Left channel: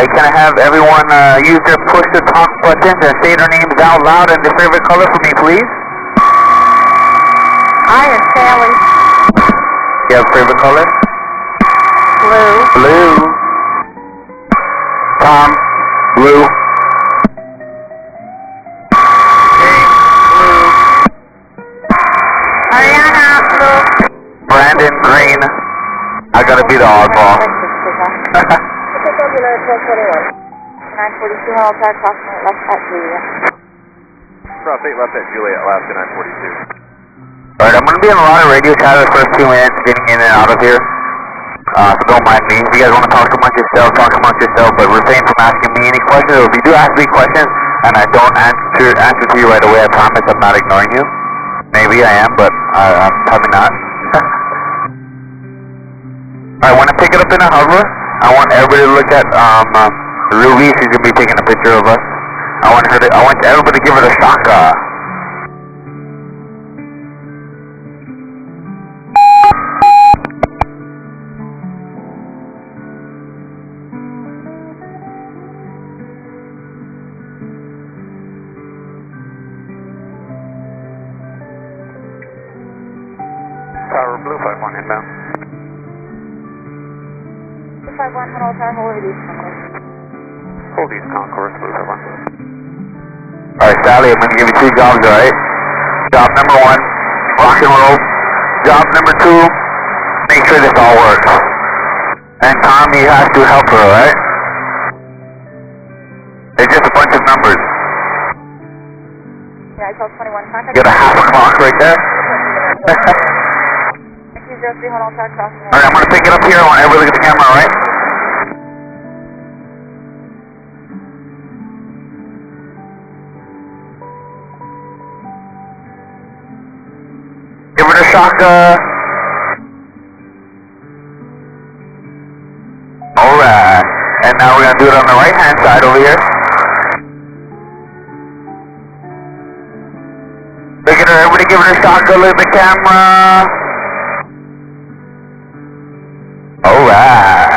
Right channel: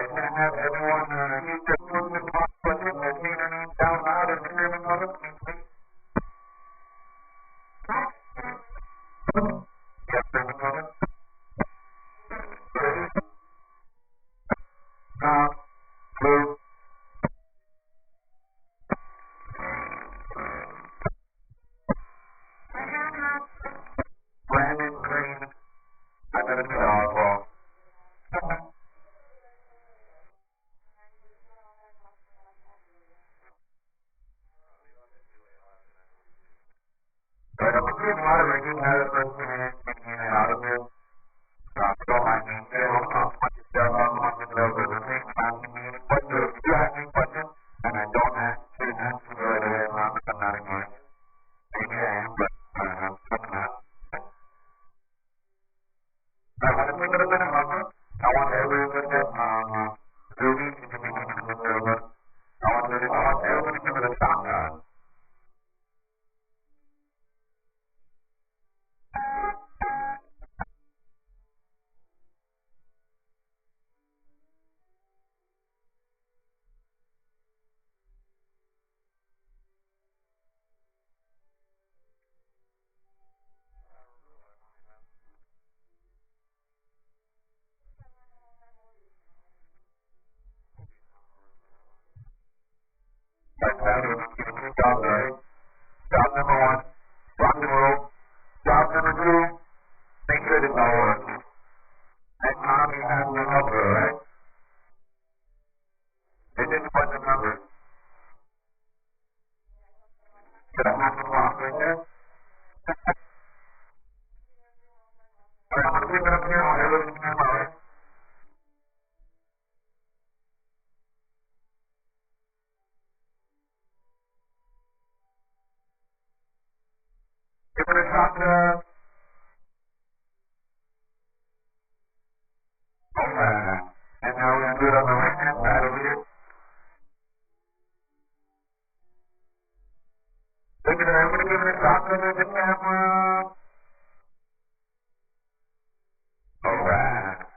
Alright, can I have everyone use their push-to-talk buttons and say their names out loud and their favorite color for me, please? I am Sally. You have a favorite color? Blue. Blue. Thom, blue. James, blue. Ariana, blue. Brandon, green. I gotta be the oddball. 942 Huddle Tower, crossing left at Juliet. Cross 8 left at Juliet, Alaska 942. Alright, I'm gonna be on a lot of radio chat the first 2 minutes getting in and out of here. So don't mind me. If you guys want to talk amongst yourself, talk amongst yourself, but refrain from asking me any questions. Or if you do ask me questions and I don't answer to you right away, I promise I'm not ignoring you. Maybe I am, but I'm probably not. Alright, when I pick it up in a hover, I want everybody to look at Ruby. She's gonna be taking a picture of us. I want everybody to give her the shaka. Tower Blue 51 inbound. 251 Huddle Tower, hold East Concourse. Hold East Concourse, Blue 51. Alright, Sally, I'm going to give you 2 jobs, alright? Job number 1, rock and roll. Job number 2, make sure this all works. And Thom, you have to help her, alright? It's just a bunch of numbers. Yeah, I called 21 contact. You got a half a clock right there? 203 Huddle Tower, crossing. Alright, I'm going to pick it up here. I want everybody to look at the camera, alright? Give her the shaka. Alright. And now we're going to do it on the right hand side over here. Look at her, everybody give her the shaka, look at the camera. Alright.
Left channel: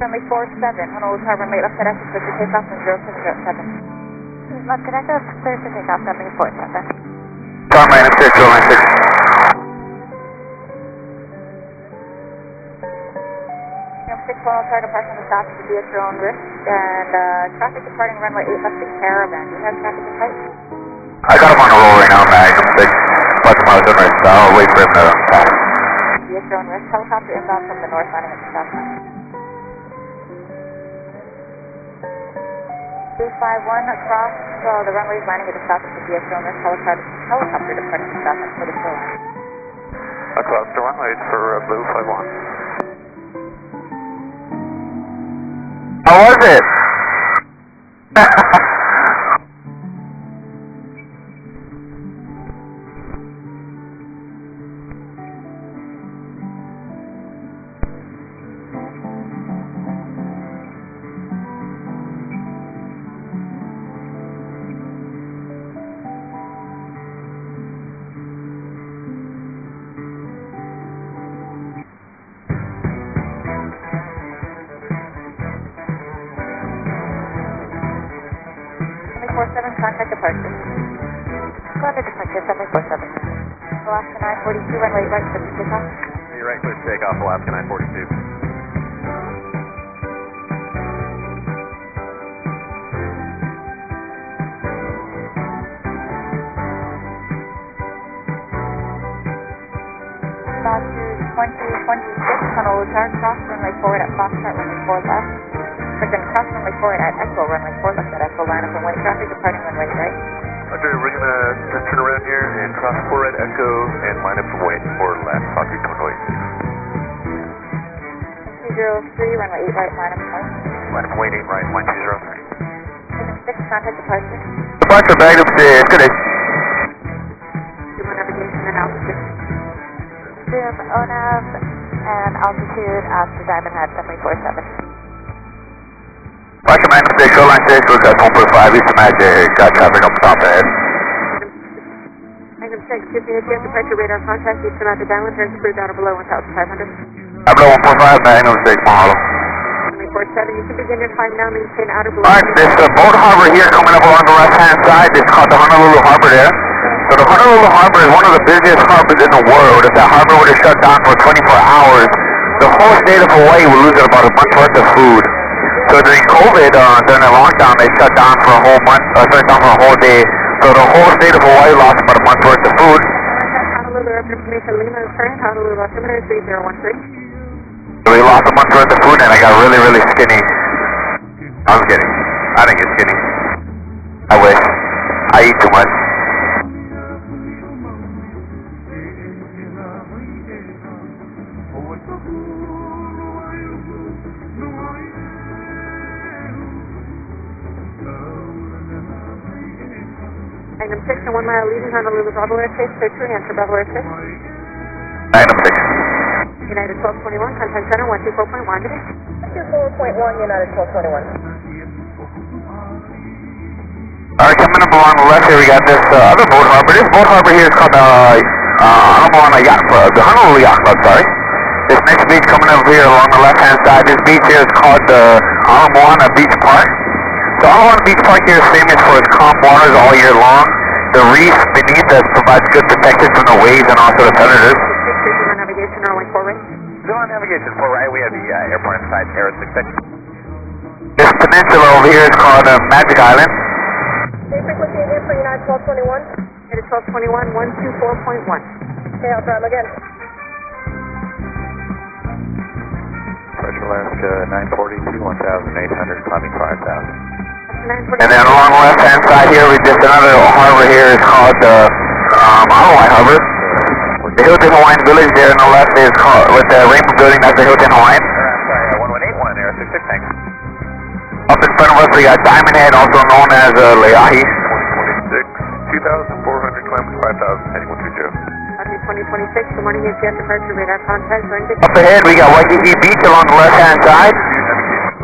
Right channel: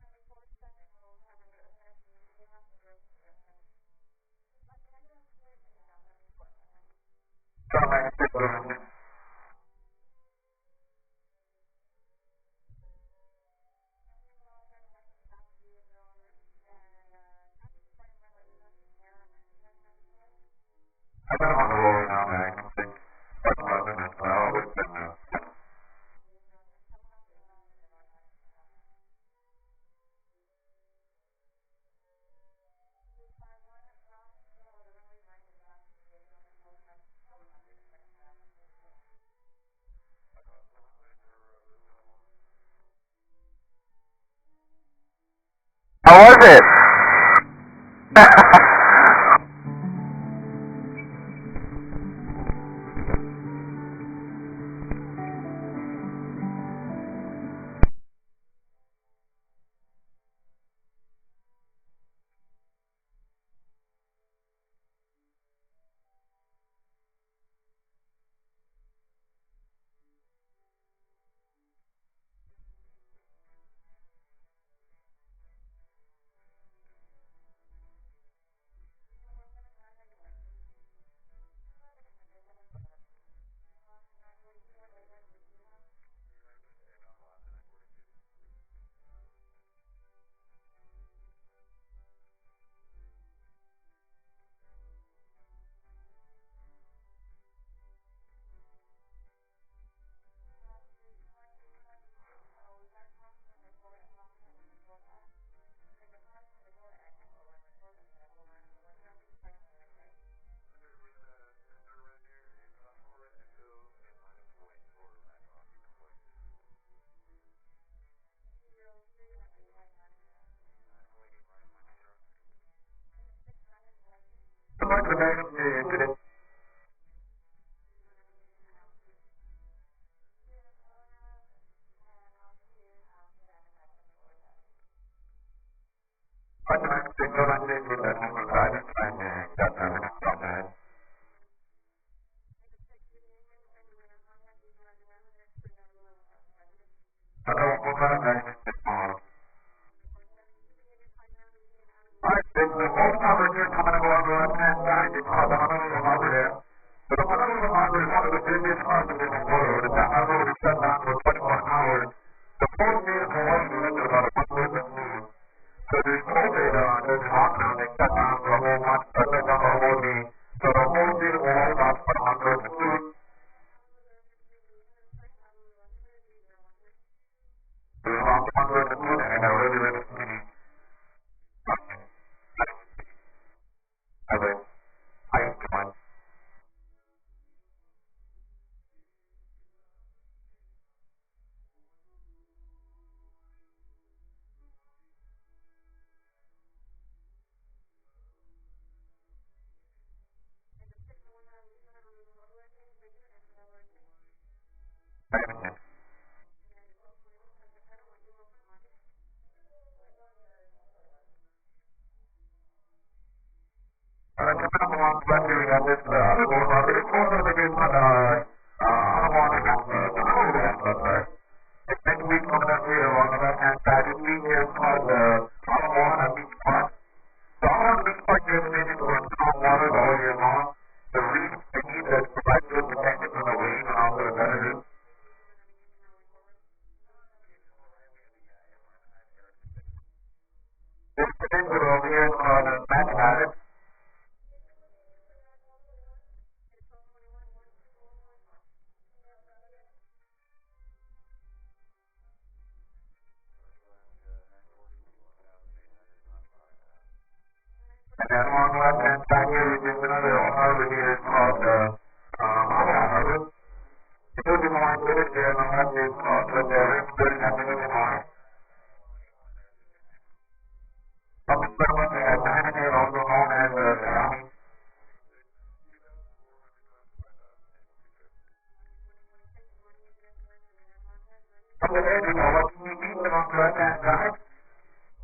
Runway 47, Honolulu Tower, runway left at exit, clear for takeoff, and 0707. Left at exit, clear for takeoff, runway 47. Thom, right up there, 296. Number 6 Honolulu Tower, departing the stop to be at your own risk, and traffic departing runway 8 left to Caravan. Do you have traffic in sight? I got him on a roll right now, Magnum 6. But I was on right, so I'll wait for him to pass. Be at your own risk, helicopter inbound from the north, landing at the south line. 251 across the runways, landing at the south of the be at your own risk, helicopter departing the south end for the shoreline. Across the runways for Blue 51. How was it? Contact departure. Go under departure, 747. Alaska 942, runway right, clear for takeoff. You're right, clear to take off, Alaska 942. About to 2026, Honolulu Tower, cross runway forward at Foxtrot, runway 4 left. But then cross runway forward at Echo, runway 4 left at Echo, line up and wait traffic, departing runway right. Roger, we're going to turn around here and cross 4 at Echo and line up for wait for left, Foxtrot Convoy. 203, runway 8 right, line up and wait. Line up and wait, 8 right, 1203. Magnum 6, contact departure. Departure, Magnum 6, good day. Zoom navigation and altitude. Zoom ONAV and altitude after Diamond Head, runway 47. Roger, Magnum 6, shoreline 6, we've got 1.5 east of Magic, got traffic up top ahead. Magnum 6, contact, excuse me, ATS departure radar contact, Eastern Atlantic Island, turns approved out of below 1,500. Below 145, Magnum 6, mahalo. 7, you can begin your climb now, maintain outer below. Alright, this boat harbor here coming up along the left-hand side is called the Honolulu Harbor there. So the Honolulu Harbor is one of the busiest harbors in the world. If that harbor were to shut down for 24 hours, the whole state of Hawaii would lose about a month's worth of food. So during COVID, during the lockdown, they shut down for a whole month, shut down for a whole day. So the whole state of Hawaii lost about a month's worth of food. Honolulu Airport Information Lima is current, Honolulu altimeter 3013. So we lost a month's worth of food and I got really, really skinny. I'm kidding. I didn't get skinny. I wish. I eat too much. Magnum 6 and 1 mile leaving Honolulu Bravo airspace, clear to answer Bravo airspace. Magnum 6. United 1221, contact center 124.1. 124.1, United 1221. Alright, coming up along the left here, we got this other boat harbor. This boat harbor here is called the Honolulu Yacht Club, sorry. This next beach coming up here along the left-hand side, this beach here is called the Moana Beach Park. So Moana Beach Park here is famous for its calm waters all year long. The reef beneath us provides good protection from the waves and also the predators. Navigation, runway 4 right. Zero navigation 4 right, we have the airport inside, air 66. This peninsula over here is called Magic Island. Frequency again for United 1221. United 1221, 124.1. Okay, I'll try them again. Pressure Alaska 942, 1,800, climbing 5,000. And then along the left-hand side here, we just another harbor here is called the Hawai'i Harbor. The Hilton Hawaiian Village there on the left is called, with the Rainbow Building, that's the Hilton Hawaiian. I'm sorry, 1181, air 66, thanks. Up in front of us, we got Diamond Head, also known as Leahi. 2026, 2,400, climbing 5,000, heading 120. 2026, good morning, ATS departure radar contact, Up ahead, we got Waikiki Beach along the left-hand side.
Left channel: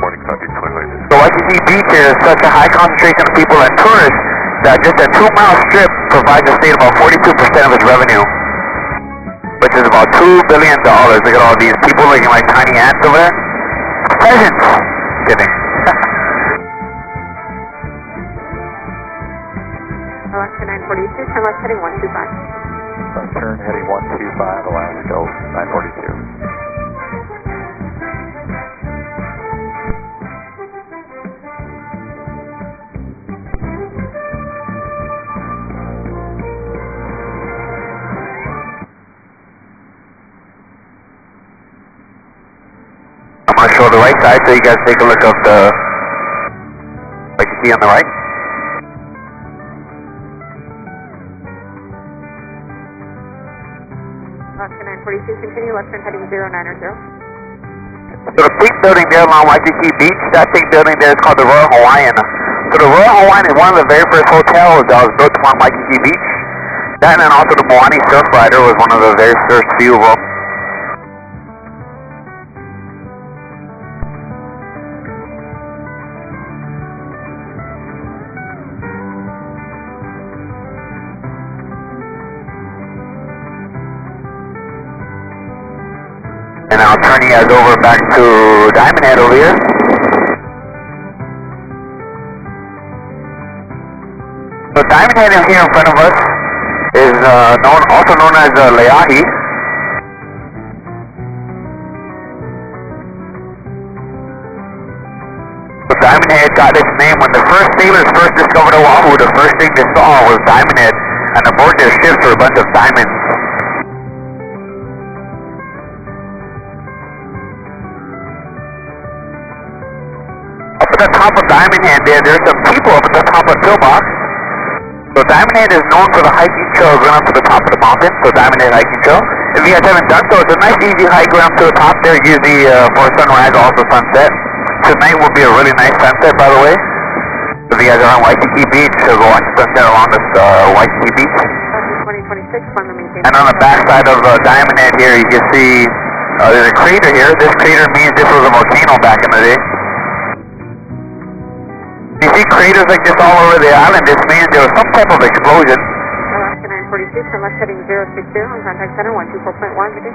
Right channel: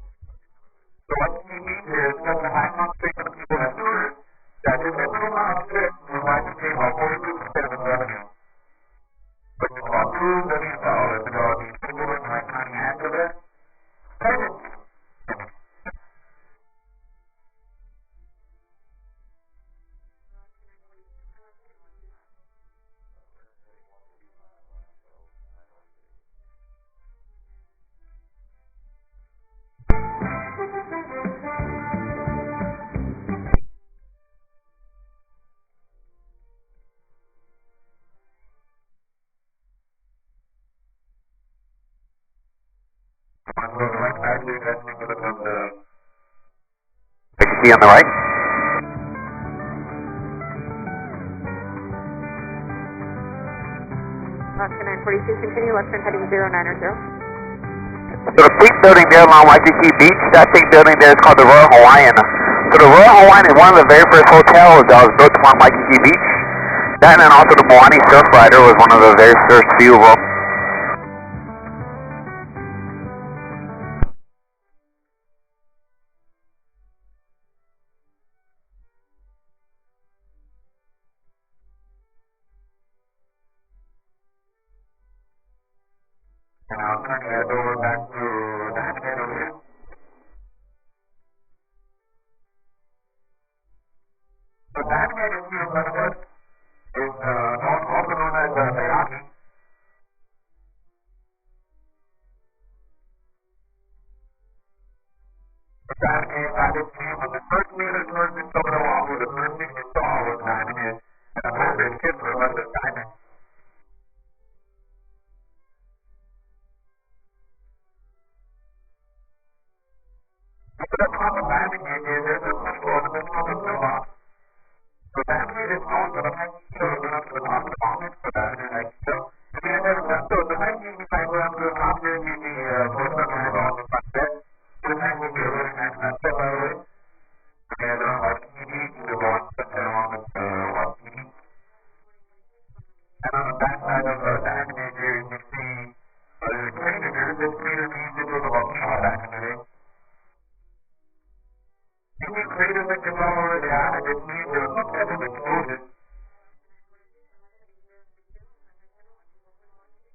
Morning, copy, 2026. So Waikiki Beach is such a high concentration of people and tourists that just a 2-mile strip provides the state about 42% of its revenue, which is about $2 billion. Look at all these people looking like tiny ants over there. Peasants! Kidding. Alaska 942, turn left heading 125. Turn heading 125, Alaska 942. I'm going to show the right side so you guys take a look of the, what you see on the right. Alaska 942, continue left turn heading 090. So the pink building there along Waikiki Beach, that pink building there is called the Royal Hawaiian. So the Royal Hawaiian is one of the very first hotels that was built along Waikiki Beach. That and then also the Moani Surf Rider was one of the very first few of them. And I'll turn you guys over back to Diamond Head over here. So Diamond Head in here in front of us is also known as Leahi. So Diamond Head got its name when the first sailors first discovered Oahu. The first thing they saw was Diamond Head, and aboard their ships were a bunch of diamonds. Up at the top of Diamond Head there's some people up at the top of Pillbox. So Diamond Head is known for the hiking trail going up to the top of the mountain, so Diamond Head hiking trail. If you guys haven't done so, it's a nice easy hike going up to the top there, usually for sunrise or also sunset. Tonight will be a really nice sunset, by the way. So if you guys are on Waikiki Beach, go watch the sunset along this Waikiki Beach. 2026, and on the back side of Diamond Head here, you can see there's a crater here. This crater means this was a volcano back in the day. You see craters like this all over the island. This means there was some type of explosion. Alaska 942, from us heading 060 on contact center 124.1, good day.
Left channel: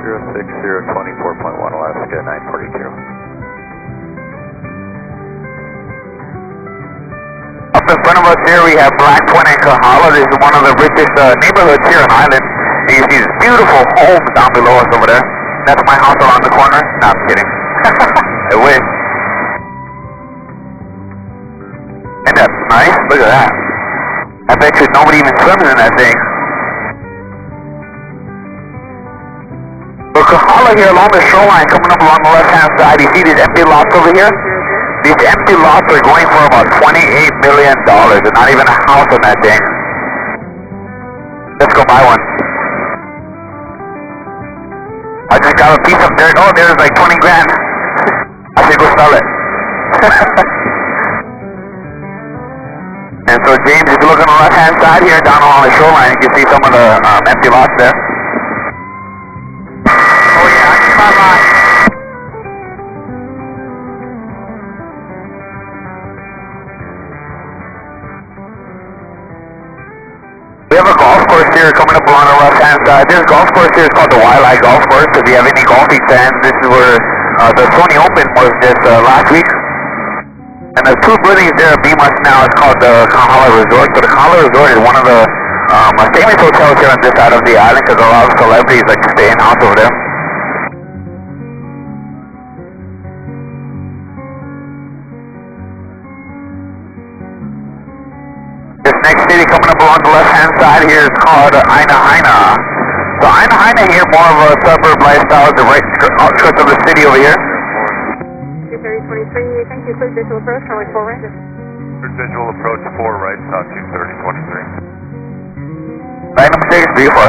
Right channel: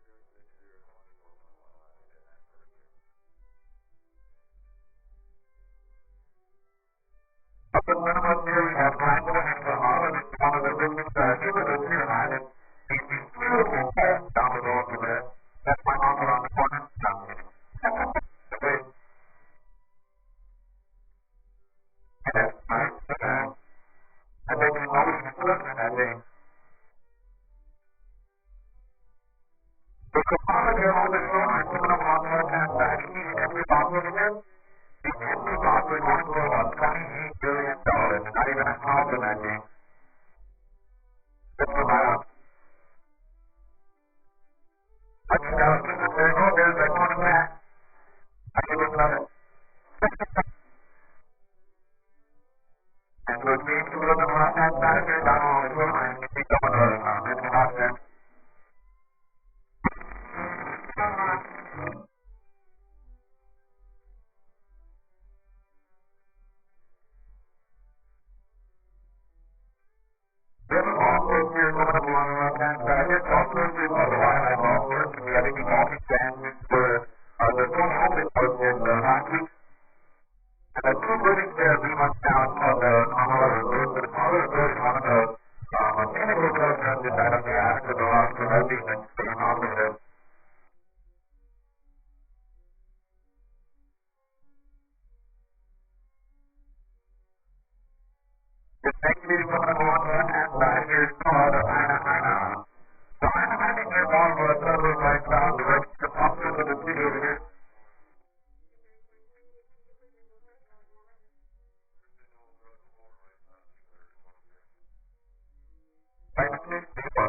06024.1 Alaska 942. Up in front of us here we have Black Point and Kahala. This is one of the richest neighborhoods here on Island. And you see these beautiful homes down below us over there. That's my house around the corner. No, I'm kidding. I wish. Ain't that nice? Look at that. I bet you nobody even swims in that thing. So Kahala here along the shoreline, coming up along the left-hand side, you see these empty lots over here? These empty lots are going for about $28 million. There's not even a house on that thing. Let's go buy one. I just got a piece of dirt. Oh, there's like 20 grand. I should go sell it. And so James, if you look on the left-hand side here, down along the shoreline, you can see some of the empty lots there. Oh yeah, I see my lot. We have a golf course here coming up along the left-hand side. This golf course here is called the Wailai Golf Course. If you have any golfing fans, this is where the Sony Open was just last week. And there's two buildings there beam us now. It's called the Kahala Resort. So the Kahala Resort is one of the famous hotels here on this side of the island because a lot of celebrities like to stay in house over there. This next city coming up along the left-hand side here is called Ainahaina. So Ainahaina here, more of a suburb lifestyle, the right outskirts of the city over here. 23023, thank you, please visual approach, runway 4 right. Visual approach 4 right, south 23023. Magnum 6, beautiful.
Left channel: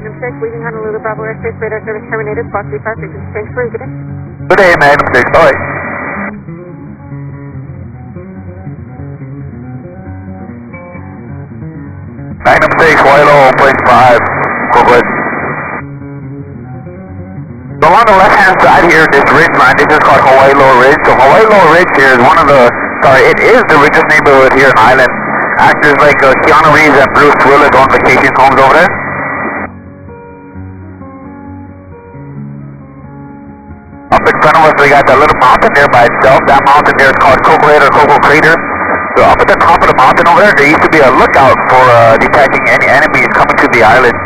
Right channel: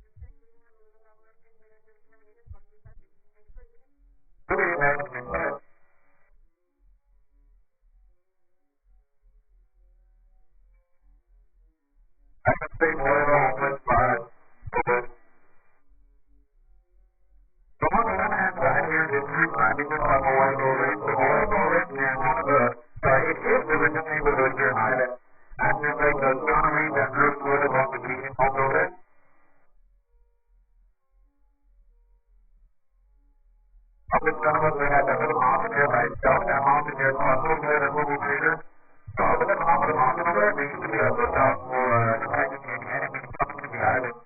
Magnum 6, leaving Honolulu, Bravo airspace, radar service terminated, Fox 35, frequency change for you, good day. Good day, Magnum 6, alright. Magnum 6, Wailai 1.5, corporate. So along the left-hand side here, this ridge line, this is called Hawai'i Ridge. So Hawai'i Ridge here is one of the, it is the richest neighborhood here on Island. Actors like Keanu Reeves and Bruce Willis own vacation homes over there. Up in front of us, we got that little mountain there by itself. That mountain there is called Coco Head or Coco Crater. So up at the top of the mountain over there used to be a lookout for detecting any enemies coming to the island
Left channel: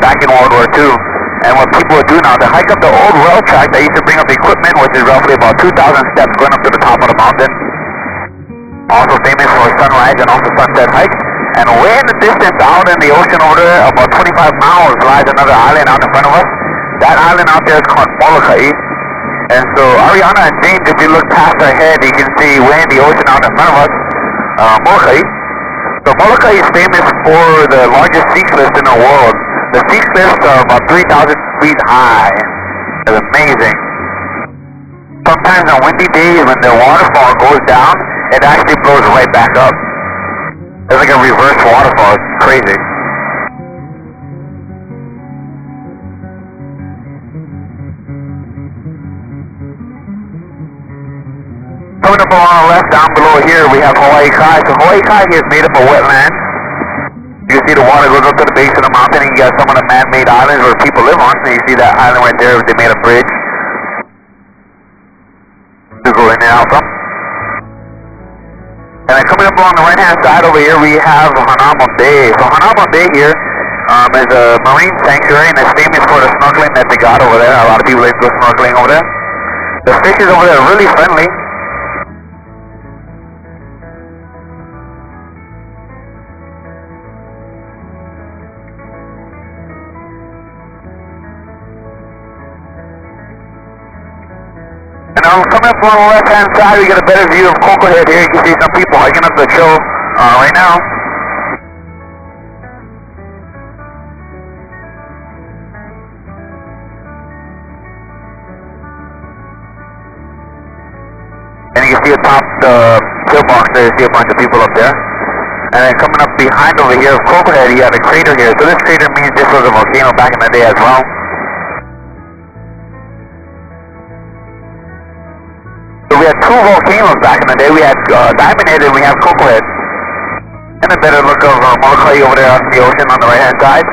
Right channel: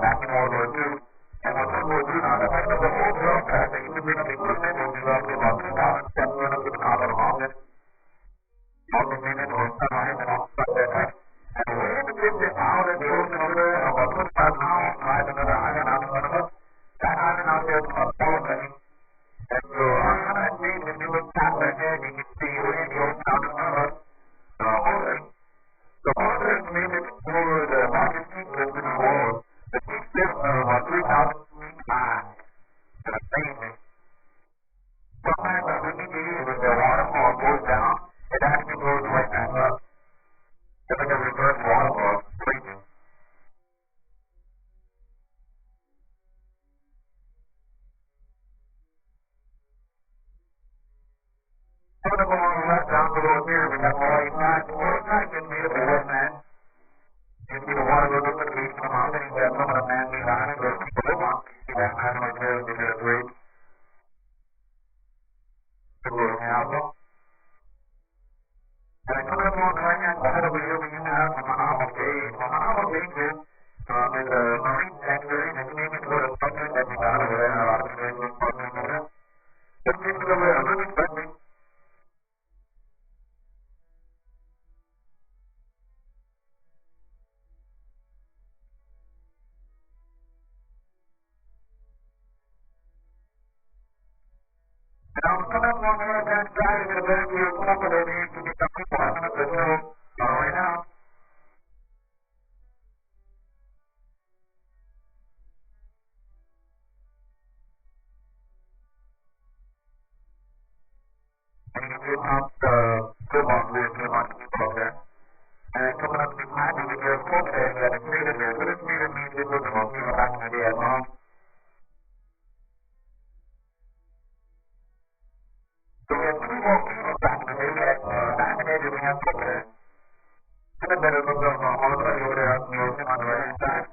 back in World War II. And what people would do now, they hike up the old rail track that used to bring up equipment, which is roughly about 2,000 steps going up to the top of the mountain. Also famous for sunrise and also sunset hikes. And way in the distance out in the ocean over there, about 25 miles, lies another island out in front of us. That island out there is called Molokai. And so Ariana and James, if you look past our head, you can see way in the ocean out in front of us, Molokai. So Molokai is famous for the largest sea cliffs in the world. The sea cliffs are about 3,000 feet high. It's amazing. Sometimes on windy days when the waterfall goes down, it actually blows right back up. It's like a reverse waterfall. It's crazy. Coming up along the left, down below here, we have Hawai'i Kai. So Hawai'i Kai here is made up of wetland. You can see the water goes up to the base of the mountain, and you got some of the man-made islands where people live on. So you see that island right there, they made a bridge to go in and out from. And then coming up along the right-hand side over here, we have Hanama Bay. So Hanama Bay here is a marine sanctuary, and it's famous for the snorkeling that they got over there. A lot of people like to go snorkeling over there. The fishes over there are really friendly. And coming up on the left-hand side, we get a better view of Coco Head here. You can see some people hiking up the trail right now. And you can see atop the pillbox there, you see a bunch of people up there. And then coming up behind over here of Coco Head, you have a crater here. So this crater means this was a volcano back in the day as well. So we had two volcanoes back in the day. We had Diamond Head and we have Coco Head. And a better look of Molokai over there on the ocean on the right hand side.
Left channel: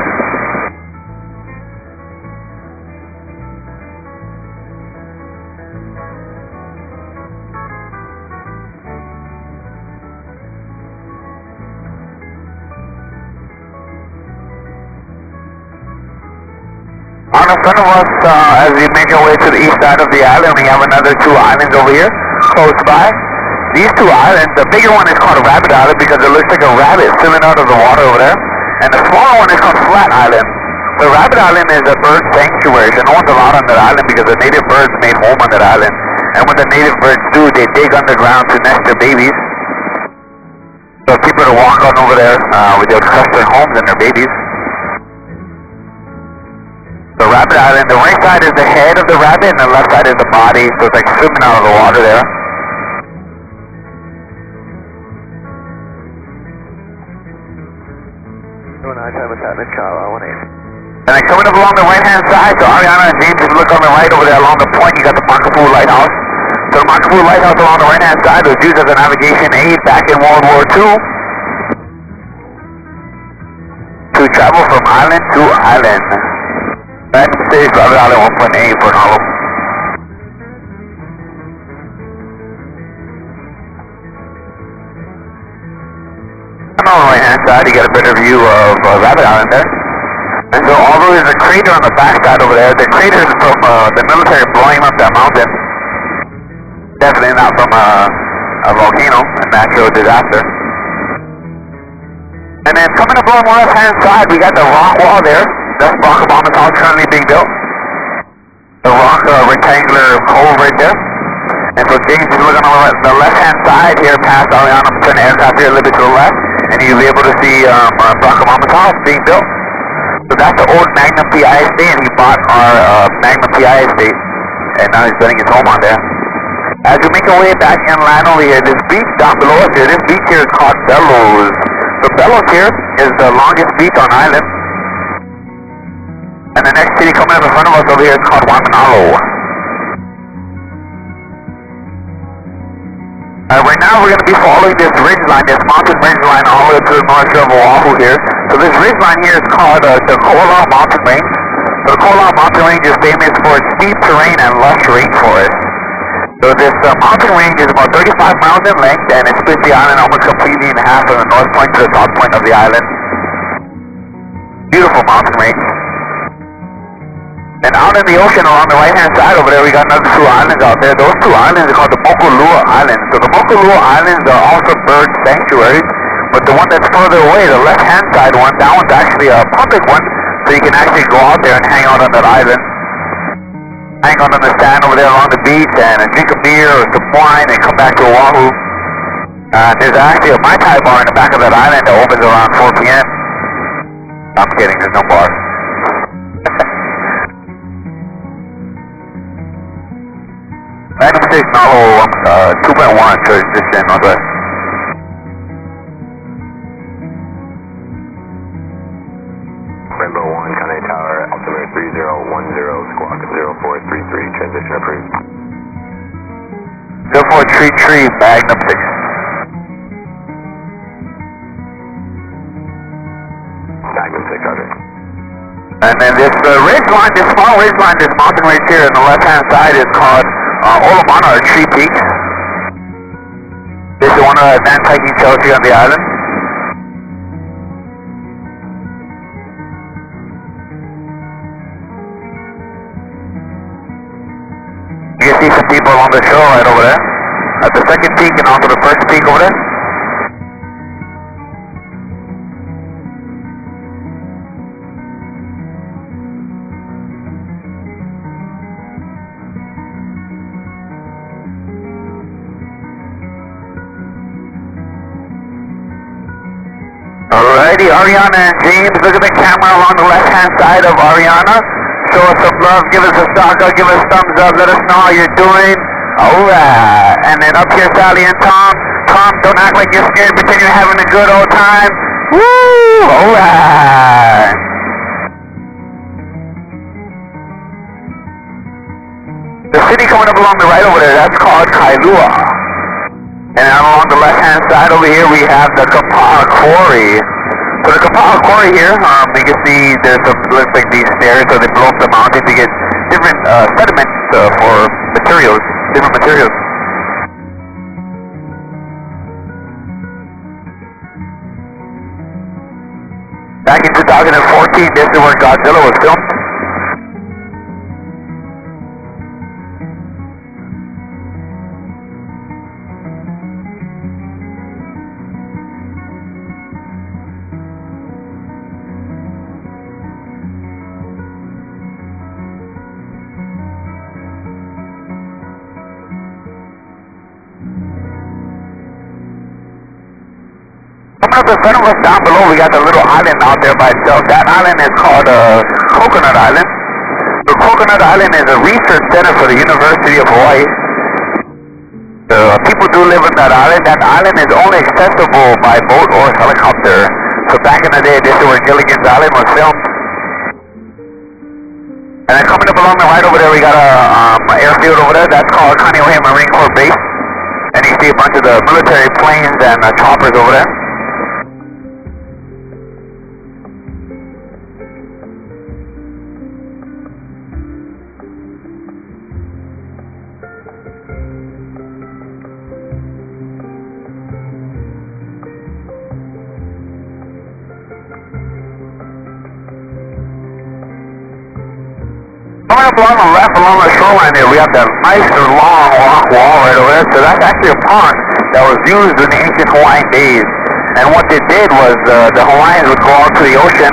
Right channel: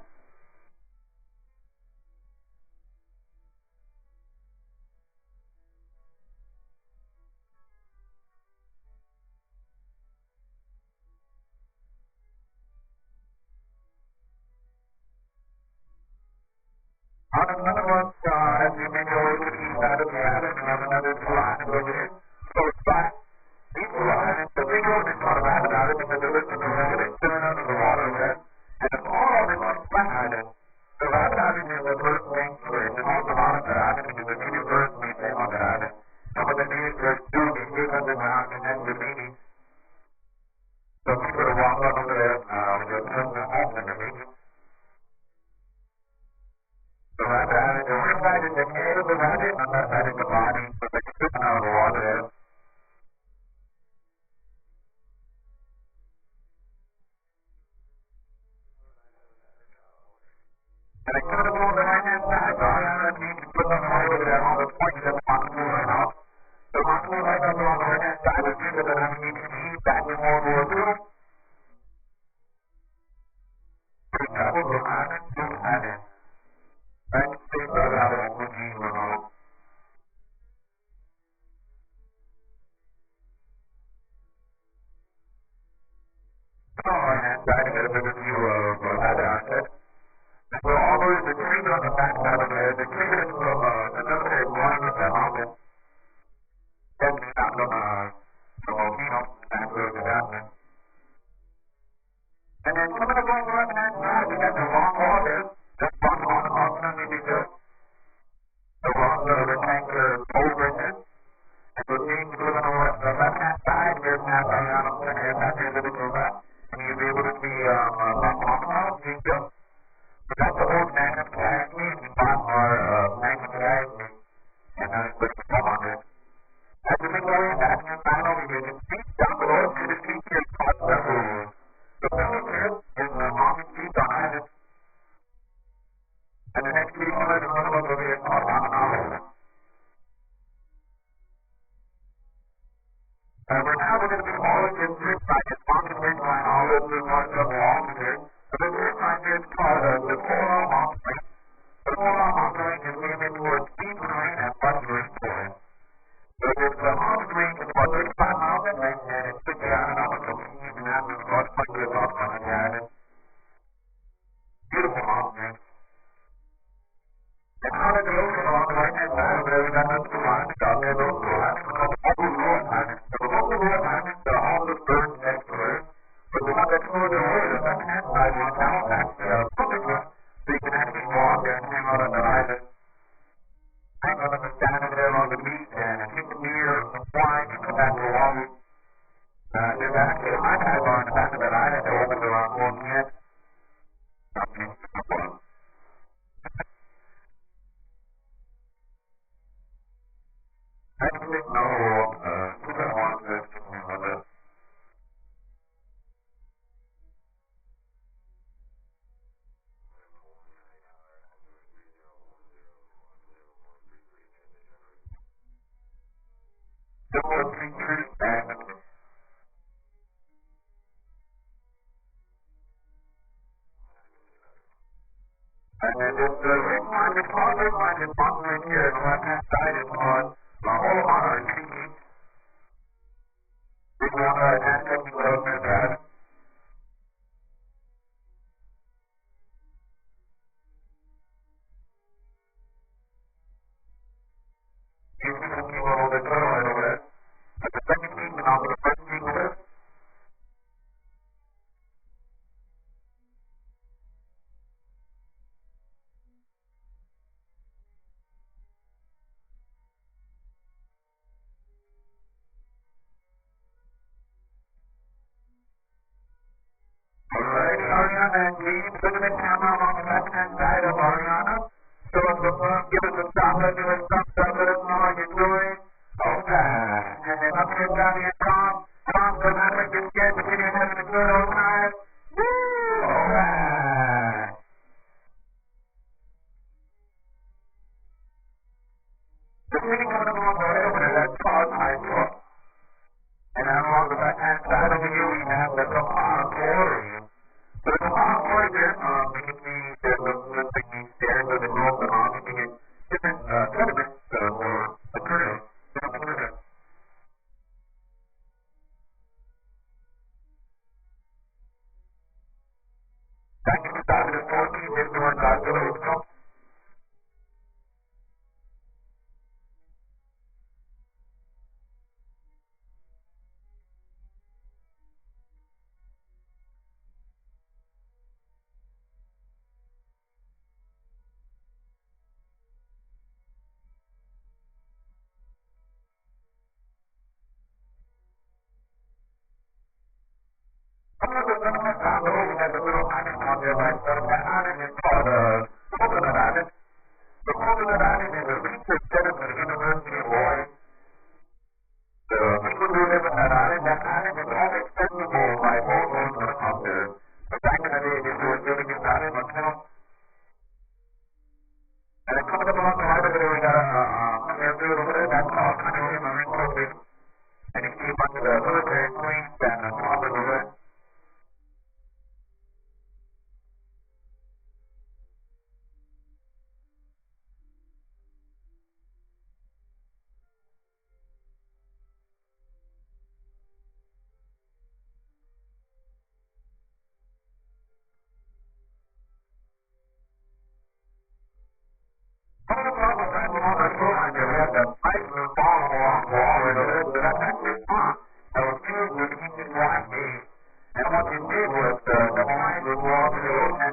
On the front of us, as we make our way to the east side of the island, we have another two islands over here, close by. These two islands, the bigger one is called Rabbit Island because it looks like a rabbit swimming out of the water over there. And the smaller one is called Flat Island. The Rabbit Island is a bird sanctuary, so no one's allowed on that island because the native birds made home on that island. And what the native birds do, they dig underground to nest their babies. So people to walk on over there with their trust their homes and their babies. The Rabbit Island, the right side is the head of the rabbit and the left side is the body, so it's like swimming out of the water there. And then coming up along the right hand side, so Ariana and James, if you look on the right over there along the point, you got the Makapu Lighthouse. So the Makapu Lighthouse along the right hand side was used as a navigation aid back in World War II to travel from island to island. Magnum Stage, Rabbit Island 1.8 for an hollow. And on the right hand side, you get a better view of Rabbit Island there. And so although there's a crater on the back side over there, the crater is from the military blowing up that mountain. Definitely not from a volcano, a natural disaster. And then coming up on the left hand side, we got the rock wall there. That's Barack Obama's house currently being built. The rock rectangular cove right there. And so James is looking on the left hand side here past Ariana, turn the aircraft here a little bit to the left, and you'll be able to see Barack Obama's house being built. So that's the old Magnum PI estate, and he bought our Magnum PI estate, and now he's building his home on there. As we make our way back inland over here, this beach down below us here, this beach here is called Bellows. So Bellows here is the longest beach on island. And the next city coming up in front of us over here is called Waimanalu. Right now we're going to be following this ridge line, this mountain ridge line all the way to the north shore of Oahu here. So this ridge line here is called the Kohala Mountain Range. So the Kohala Mountain Range is famous for its steep terrain and lush rainforest. So this mountain range is about 35 miles in length, and it splits the island almost completely in half from the north point to the south point of the island. Beautiful mountain range. And out in the ocean along the right-hand side over there, we got another two islands out there. Those two islands are called the Mokulua Islands. So the Mokulua Islands are also bird sanctuaries, but the one that's further away, the left-hand side one, that one's actually a public one, so you can actually go out there and hang out on that island. Hang out on the sand over there along the beach and drink a beer or some wine and come back to Oahu. There's actually a Mai Tai bar in the back of that island that opens around 4 p.m. I'm kidding, there's no bar. Magnum State Nalo 2.1, church distance northwest. Rainbow 1, Conway Tower, altimeter 3010, squawk 0433, transition approved. 0433, Magnum 6. Magnum 6, roger. And then this ridge line, this small ridge line, this mountain right here on the left-hand side is called Olamana, or Tree Peaks. This is one of the advanced hiking trails here on the island. You can see some people along the shore right over there. At the second peak and also the first peak over there. Alrighty, Ariana and James, look at the camera along the left-hand side of Ariana. Show us some love, give us a shout out, give us a thumbs up, let us know how you're doing. Alright, and then up here Sally and Tom. Tom, don't act like you're scared, pretend you're having a good old time. Woo! Alright. The city coming up along the right over there, that's called Kailua. And then along the left-hand side over here, we have the Kapa'a Quarry. So the Kapa'a Quarry here, you can see there's looks like these stairs, so they blow up the mountain to get different sediments for materials, different materials. Back in 2014, this is where Godzilla was filmed. Coming up in front of us down below, we got the little island out there by itself. That island is called Coconut Island. So Coconut Island is a research center for the University of Hawaii. People do live on that island. That island is only accessible by boat or helicopter. So back in the day, this is where Gilligan's Island was filmed. And then coming up along the right over there, we got a airfield over there. That's called Kaneohe Marine Corps Base. And you see a bunch of the military planes and choppers over there. Coming up along the left, along the shoreline here, we have that nice long rock wall right over there. So that's actually a pond that was used in the ancient Hawaiian days. And what they did was the Hawaiians would go out to the ocean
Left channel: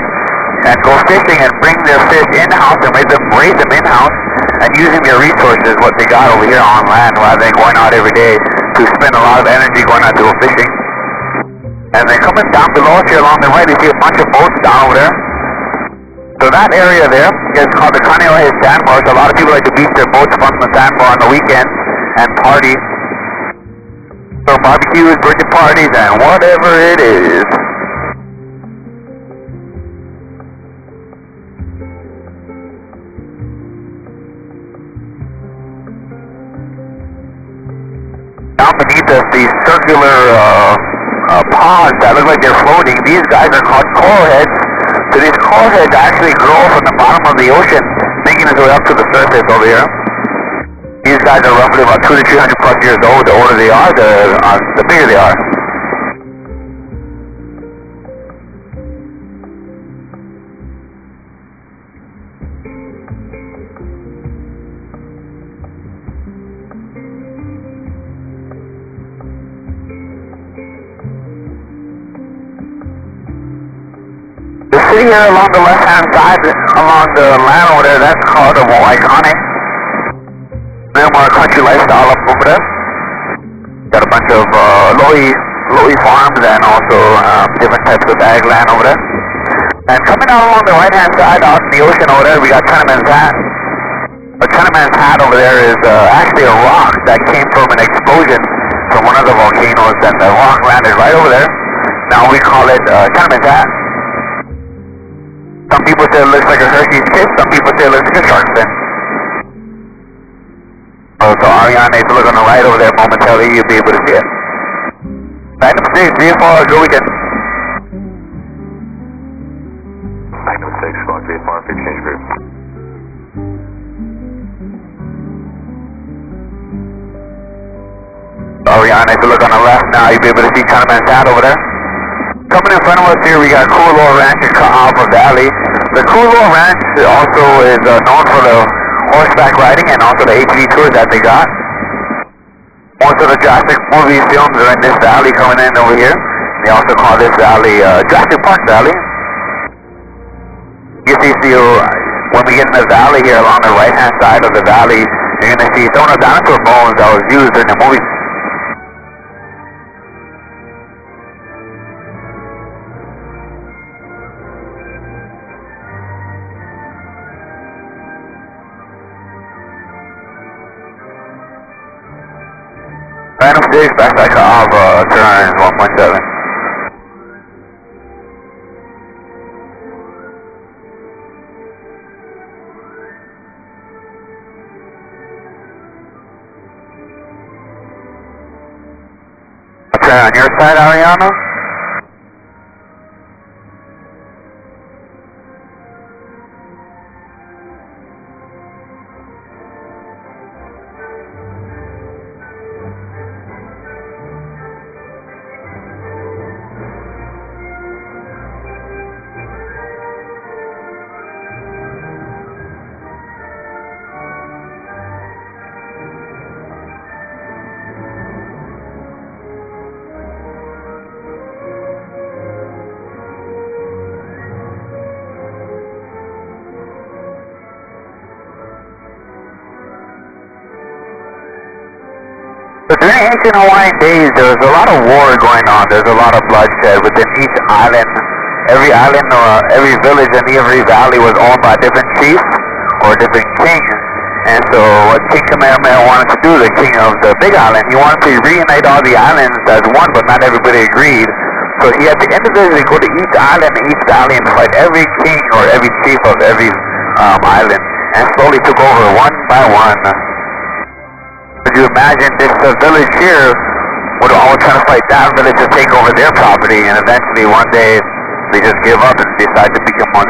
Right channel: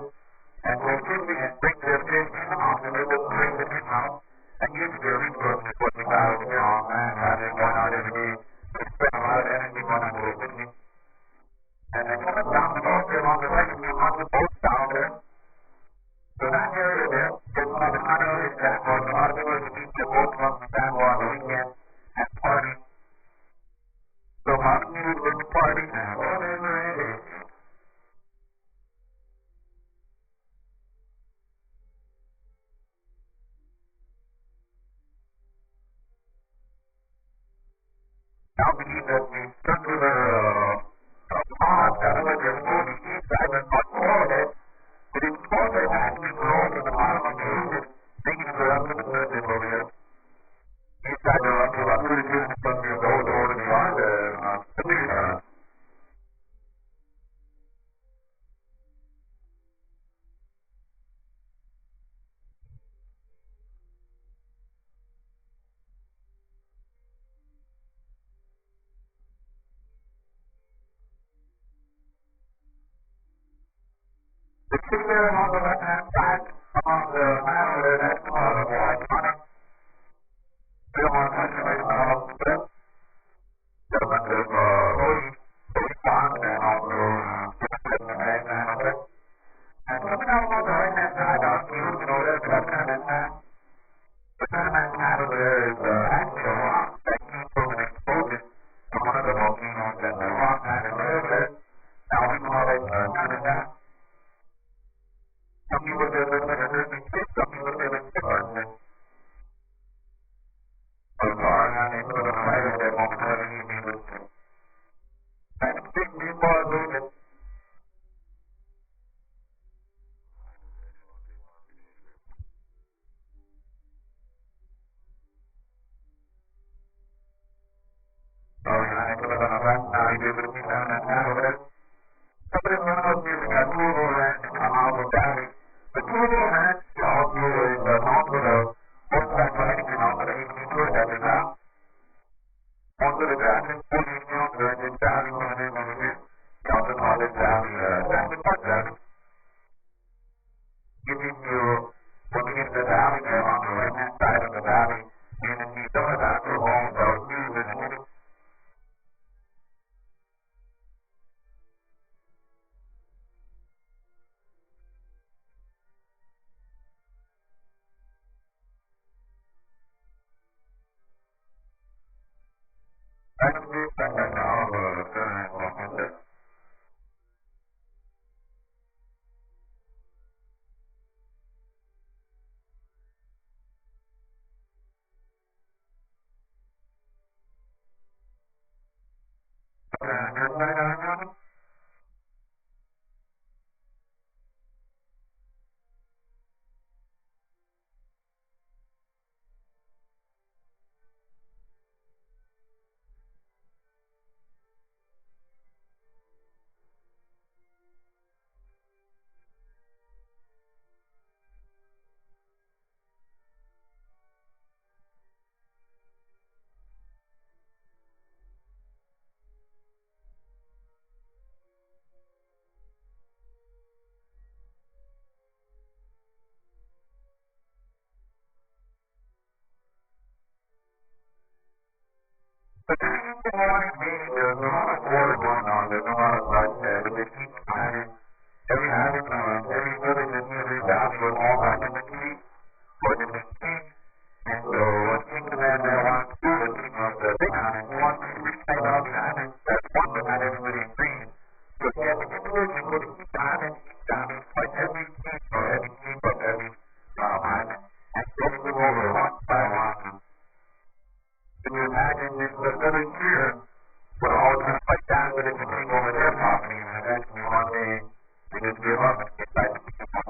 and go fishing and bring their fish in-house and raise them in-house, and using their resources, what they got over here on land, rather than going out every day to spend a lot of energy going out to go fishing. And then coming down below us here along the right, you see a bunch of boats down over there. So that area there is called the Kaneohe Sandbar. So a lot of people like to beach their boats from the sandbar on the weekend and party. So barbecues, birthday parties, and whatever it is. Down beneath us, these circular pods that look like they're floating, these guys are called coral heads. So these coral heads actually grow from the bottom of the ocean, making its way up to the surface over here. These guys are roughly about 200 to 300 plus years old. The older they are, the bigger they are. The city here along the left-hand side, along the land over there, that's called Waikane. Then more country lifestyle up over there. Got a bunch of lo'i farms and also different types of ag land over there. And coming out along the right-hand side, out in the ocean over there, we got Chinaman's Hat. A Chinaman's Hat over there is actually a rock that came from an explosion from one of the volcanoes, and the rock landed right over there. Now we call it Chinaman's Hat. Some people say it looks like a Hershey's Kiss, some people say it looks like a shark fin. Oh, so Ariane, if you look on the right over there momentarily, you'll be able to see it. Magnum 6, VFR, go weekend. Magnum 6, Fox VFR, exchange group. Ariane, if you look on the left now, you'll be able to see Chinaman's Hat over there. Coming in front of us here, we got Kualoa Ranch in Ka'ava Valley. The Kualoa Ranch also is known for the horseback riding and also the ATV tours that they got. Most of the Jurassic movie films are in this valley coming in over here. They also call this valley Jurassic Park Valley. You see, when we get in the valley here along the right-hand side of the valley, you're going to see some of the dinosaur bones that was used in the movie. Magnum 6, backside Ka'ava, turn 1.7. try on your side, Ariana. So during ancient Hawaiian days, there was a lot of war going on. There's a lot of bloodshed within each island. Every island or every village and every valley was owned by different chiefs or different kings. And so what King Kamehameha wanted to do, the king of the big island, he wanted to reunite all the islands as one, but not everybody agreed. So he had to individually go to each island and each valley and fight every king or every chief of every island, and slowly took over one by one. Could you imagine this village here would always try to fight that village to take over their property, and eventually one day they just give up and decide to become one.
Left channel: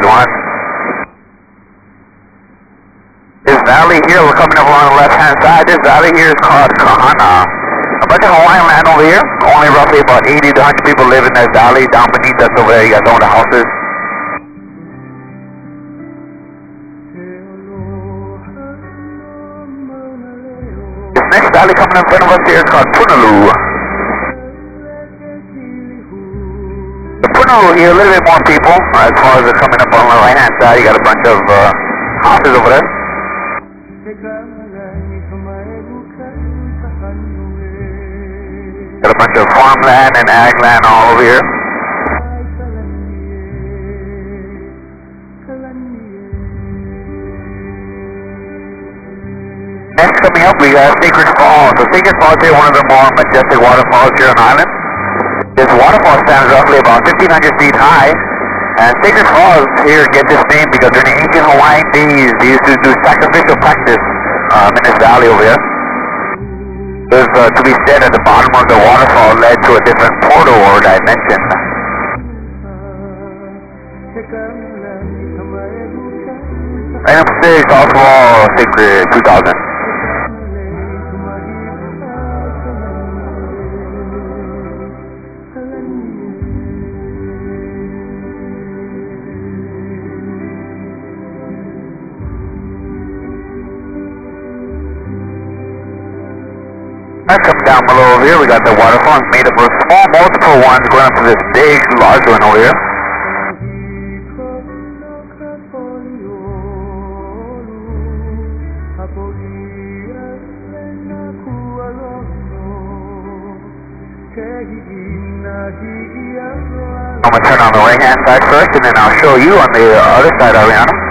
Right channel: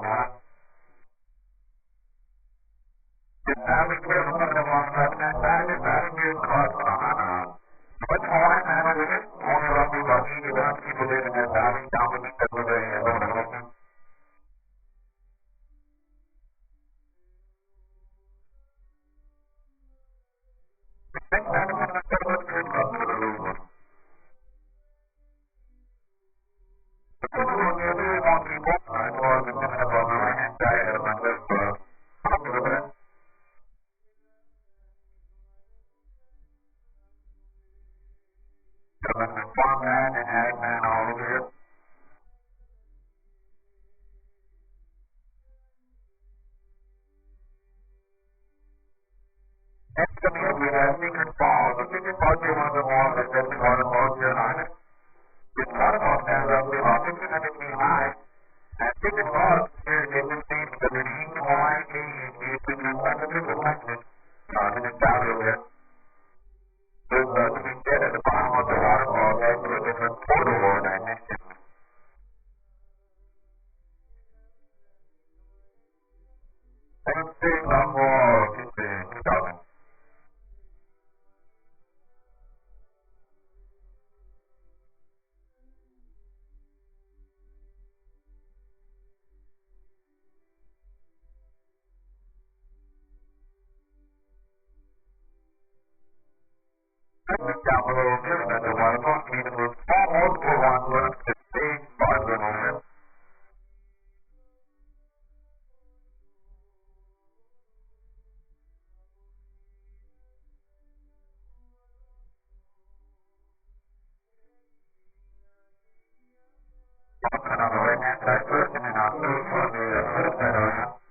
This valley here, we're coming up along the left-hand side, this valley here is called Kahana. A bunch of Hawaiian land over here, only roughly about 80 to 100 people live in this valley. Down beneath us over there, you got some of the houses. This next valley coming in front of us here is called Punalu. The Punalu here, a little bit more people. As far as they're coming up on the right-hand side, you got a bunch of houses over there. Got a bunch of farmland and ag land all over here. Next coming up, we got Sacred Falls. So Sacred Falls here, one of the more majestic waterfalls here on the island. This waterfall stands roughly about 1,500 feet high. And Sacred Falls here get this name because during the ancient Hawaiian days, they used to do sacrificial practice in this valley over here. There's to be said at the bottom of the waterfall led to a different portal or dimension. Item 6, Waterfall, Sacred 2000. Come down below over here, we got the waterfall made up of small multiple ones going up to this big large one over here. I'm going to turn on the right hand side first and then I'll show you on the other side, Ariana.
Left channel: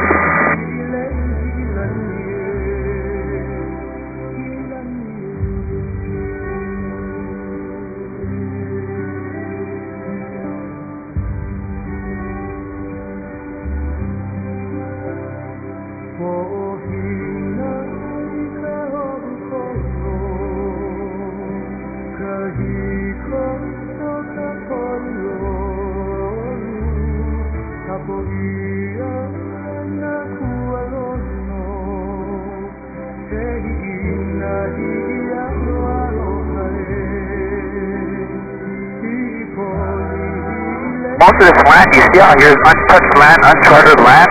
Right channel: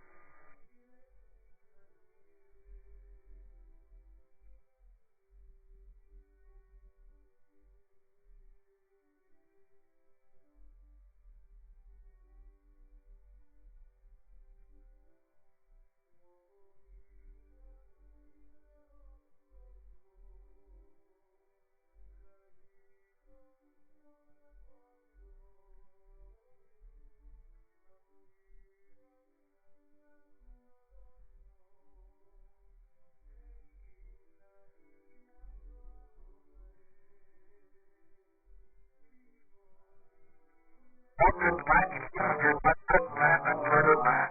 Most of this land you see out here is untouched land, uncharted land.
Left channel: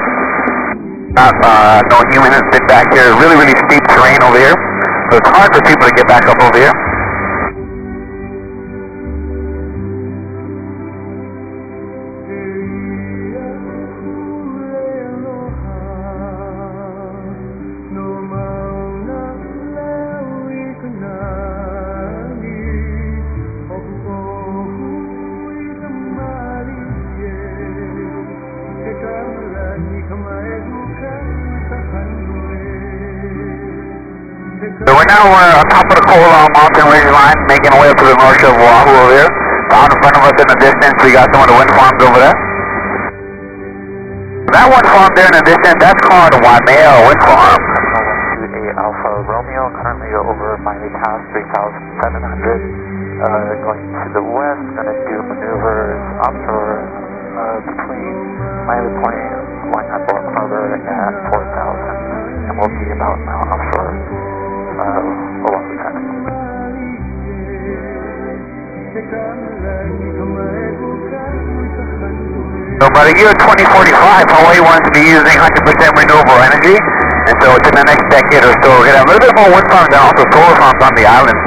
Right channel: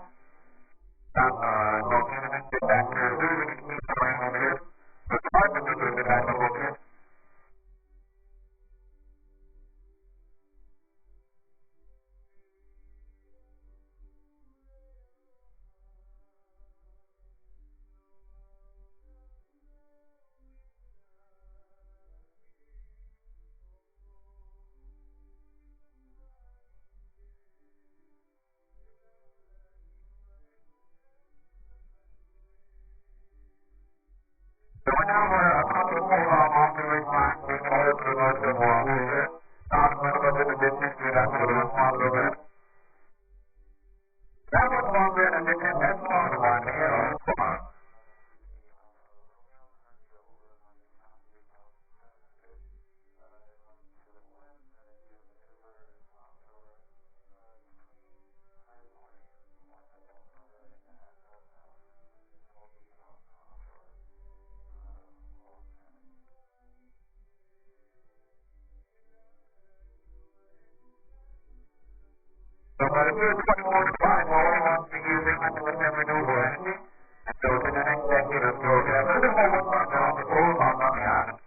No human has been back here. Really, really steep terrain over here. So it's hard for people to get back up over here. So right now we're on top of the Kohala mountain ridge line, making our way up to the north shore of Oahu over here. Out in front of us in the distance, we got some of the wind farms over there. That one farm there in the distance, that's called Waimea Wind Farm. 128 Alpha Romeo, currently over Miami Pass, 3,700. going to the west, going to do maneuvers offshore between Miami Point, Hawai'i Harbor at 4,000, and we'll be about an hour offshore along the traffic. So by the year 2045, Hawaii wants to be using 100% renewable energy, and so within the next decade or so, we're going to have a little bit more wind farms and also solar farms on the island.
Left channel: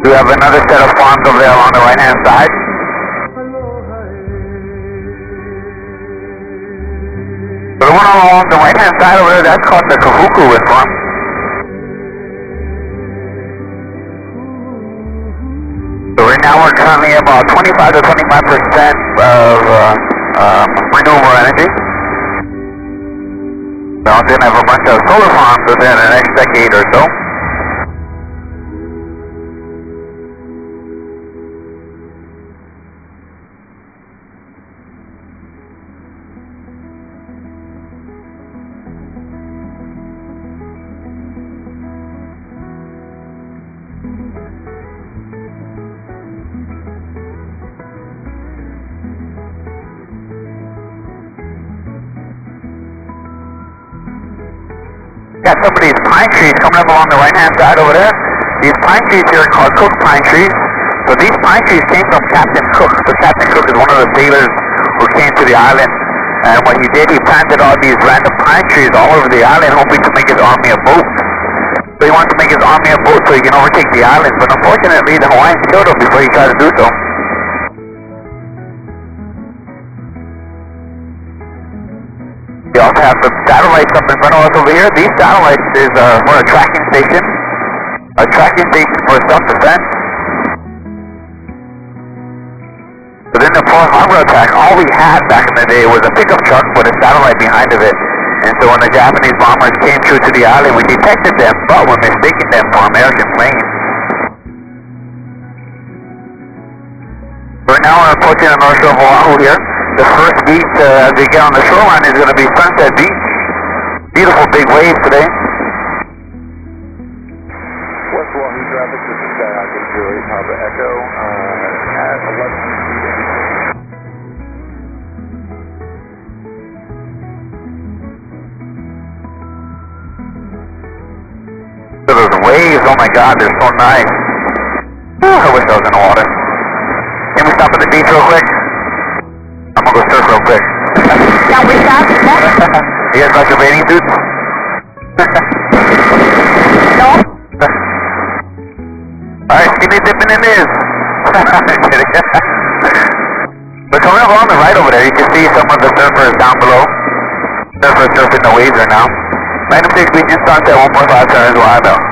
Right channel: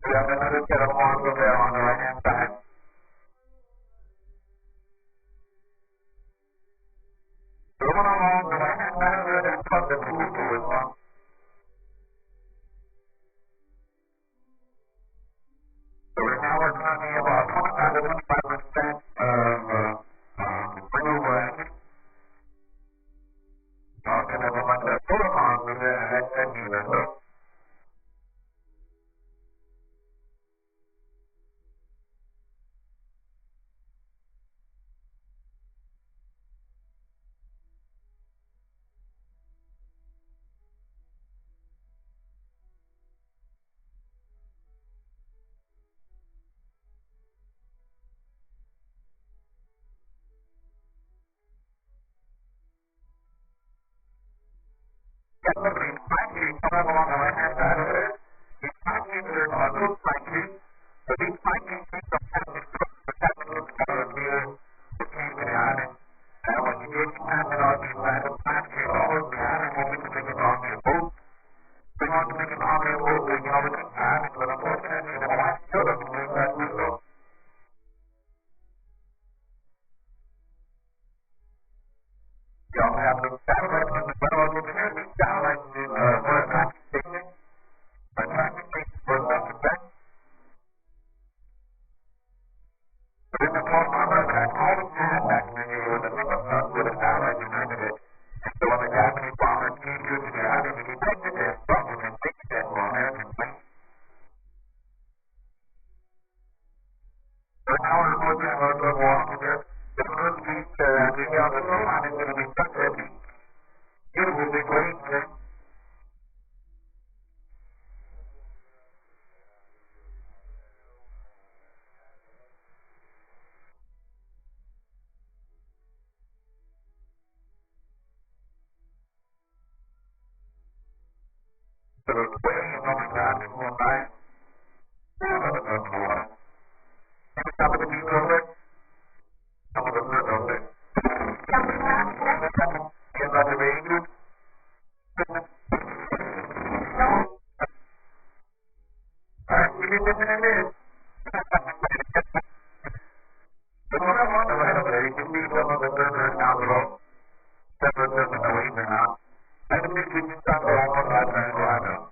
We have another set of farms over there along the right-hand side. So the one along the right-hand side over there, that's called the Kahuku wind farm. So right now we're currently about 25 to 25% of renewable energy. We're also going to have a bunch of solar farms within the next decade or so. Got some of these pine trees coming up along the right-hand side over there. These pine trees here are called Cook pine trees. So these pine trees came from Captain Cook. So Captain Cook is one of the sailors who came to the island. And what he did, he planted all these random pine trees all over the island, hoping to make his army a boat. So he wanted to make his army a boat so he can overtake the island. But unfortunately, the Hawaiians killed him before he tried to do so. We also have some satellites up in front of us over here. These satellites is for a tracking station for self-defense. But in the Pearl Harbor attack, all we had back in the day was a pickup truck with a satellite behind of it. And so when the Japanese bombers came through to the island, we detected them, but we're mistaking them for American planes. Right now we're approaching the North Shore of Oahu here. The first beach as we get on the shoreline is going to be Sunset Beach. Beautiful big waves today. West Oahu traffic, this is Skyhawk 808 Papa Echo at 11 feet. So those waves, oh my god, they're so nice. Whew, I wish I was in the water. Can we stop at the beach real quick? I'm gonna go surf real quick. Can we stop? You guys got your bathing suits? No. Alright, skinny dipping in this. But coming up on the right over there, you can see some of the surfers down below. Surfers surfing the waves right now. Magnum 6 Beach and Sunset 1.5 turns wide though.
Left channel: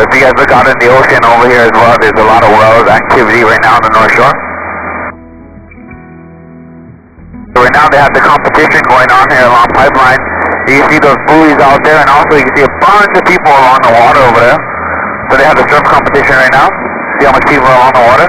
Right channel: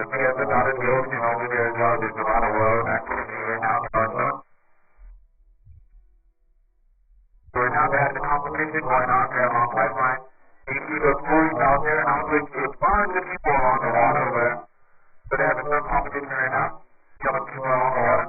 If you guys look out in the ocean over here as well, there's a lot of whales activity right now on the North Shore. So right now they have the competition going on here along Pipeline. You can see those buoys out there, and also you can see a bunch of people along the water over there. So they have the surf competition right now. See how much people are along the water?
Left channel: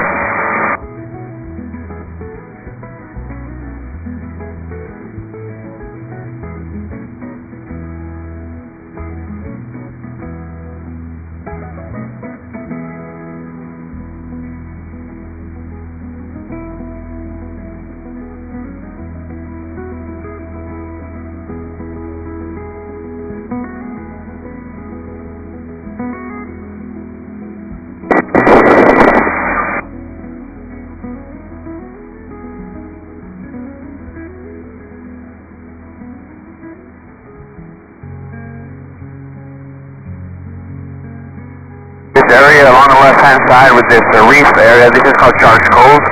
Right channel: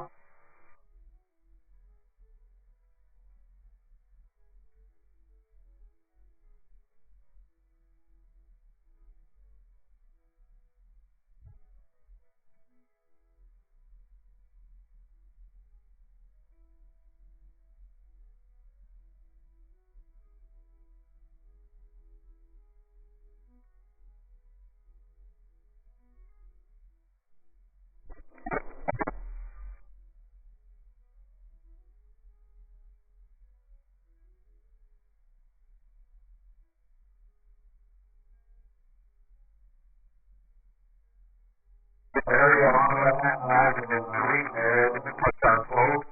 This area along the left-hand side with this reef area, this is called Shark's Cove.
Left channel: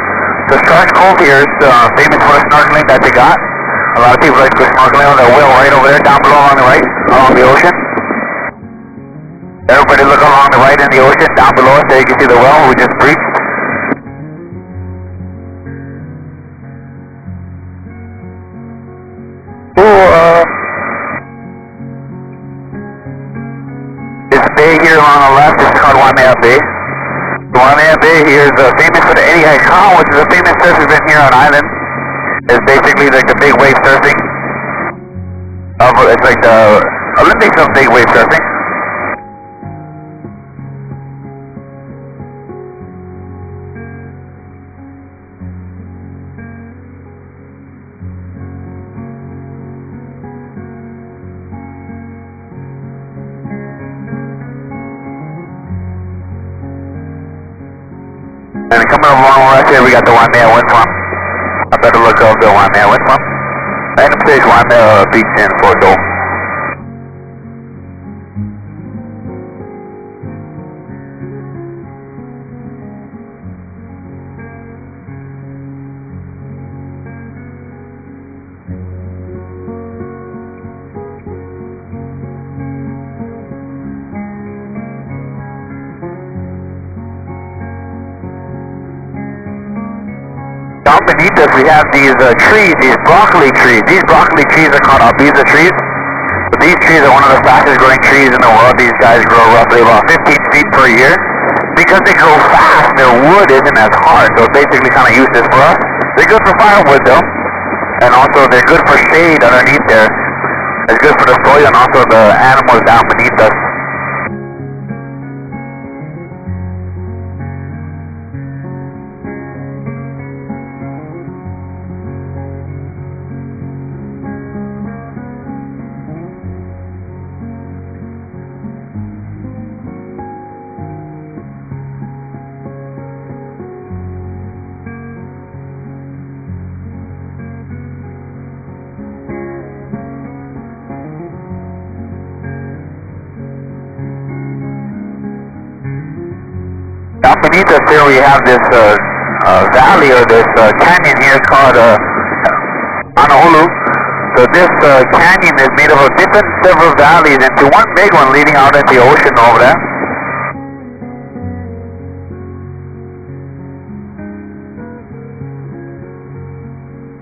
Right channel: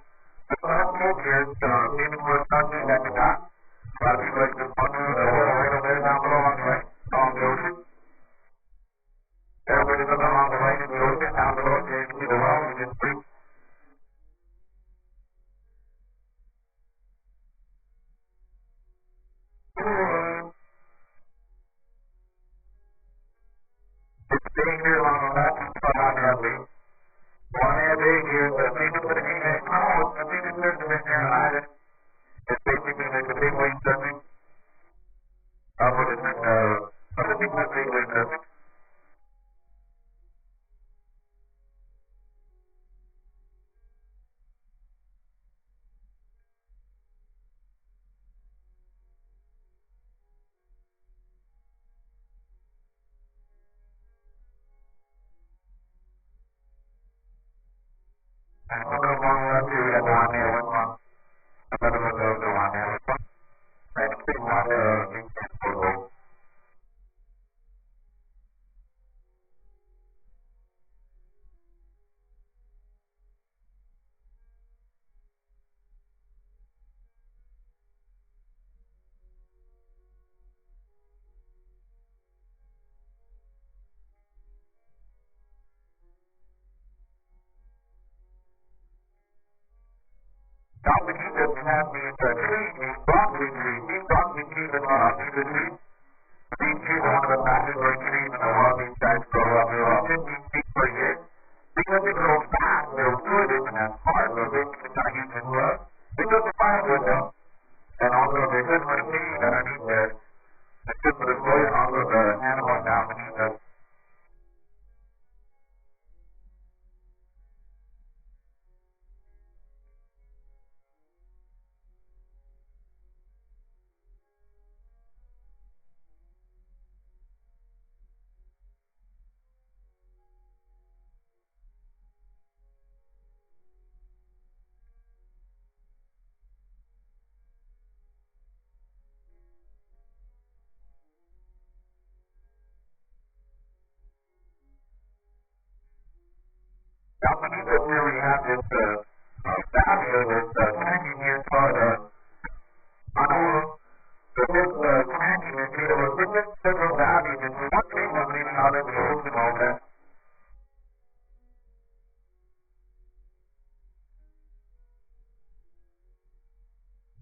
So Shark's Cove here is famous for the snorkeling that they got. A lot of people like to go snorkeling on the whale right over there, down below on the right, along the ocean. Everybody look along the right in the ocean, down below us there you can see the whale we just breached. This bay here on the left is called Waimea Bay. Waimea Bay here is famous for the Eddie Haikau, which is a famous surf event here on island. It's basically like the big wave surfing. It's like the Olympics of big wave surfing. And coming up along right here, we got the Waimea wind farm. I better look up the Waimea wind farm. Magnum Stage Waimea Beach in Fort Dole. Down beneath us we have these trees, these broccoli trees. These broccoli trees are called albiza trees. But these trees are one of the fastest growing trees in the world. These guys grow roughly about 15 feet per year. Because they grow fast, their wood isn't as hard, so it's basically kind of useless for us. They're good for firewood though. And also they're good for shade underneath there. It's good for the soil and also the animals down beneath us. Down beneath us here we have this valley or this canyon here called Honolulu. So this canyon is made up of different several valleys into one big one leading out into the ocean over there.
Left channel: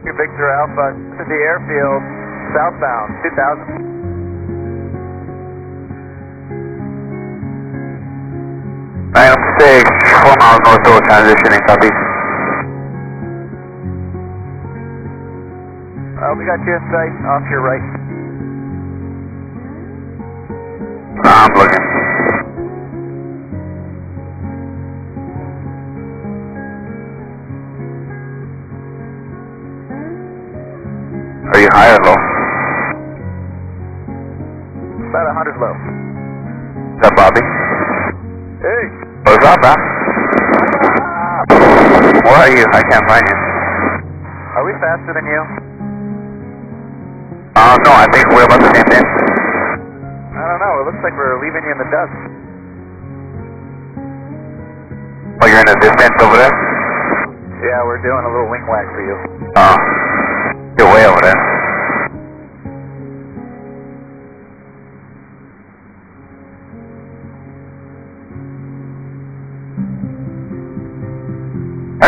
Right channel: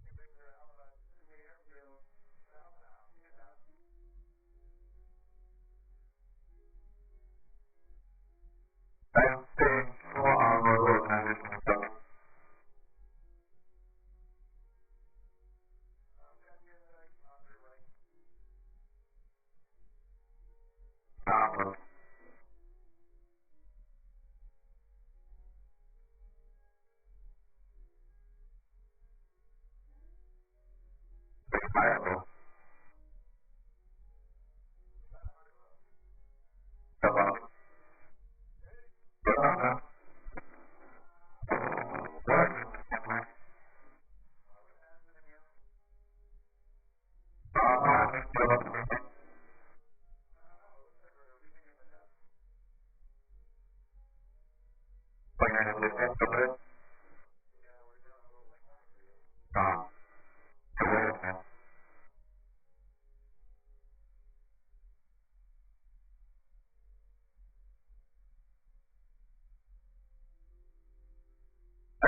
Victor Alpha to the airfield, southbound, 2000. Magnum 6, 4 miles north door, transitioning southeast. We got you in sight, off to your right. I'm looking. Are you high or low? About 100 low. Is that Bobby? Hey! What's up, man? Where are you? I can't find you. Are we faster than you? No, I think we're about the same thing. I don't know, it looks like we're leaving you in the dust. Oh, you're in the distance over there? Yeah, we're doing a little wing whack for you. Oh, you're way over there.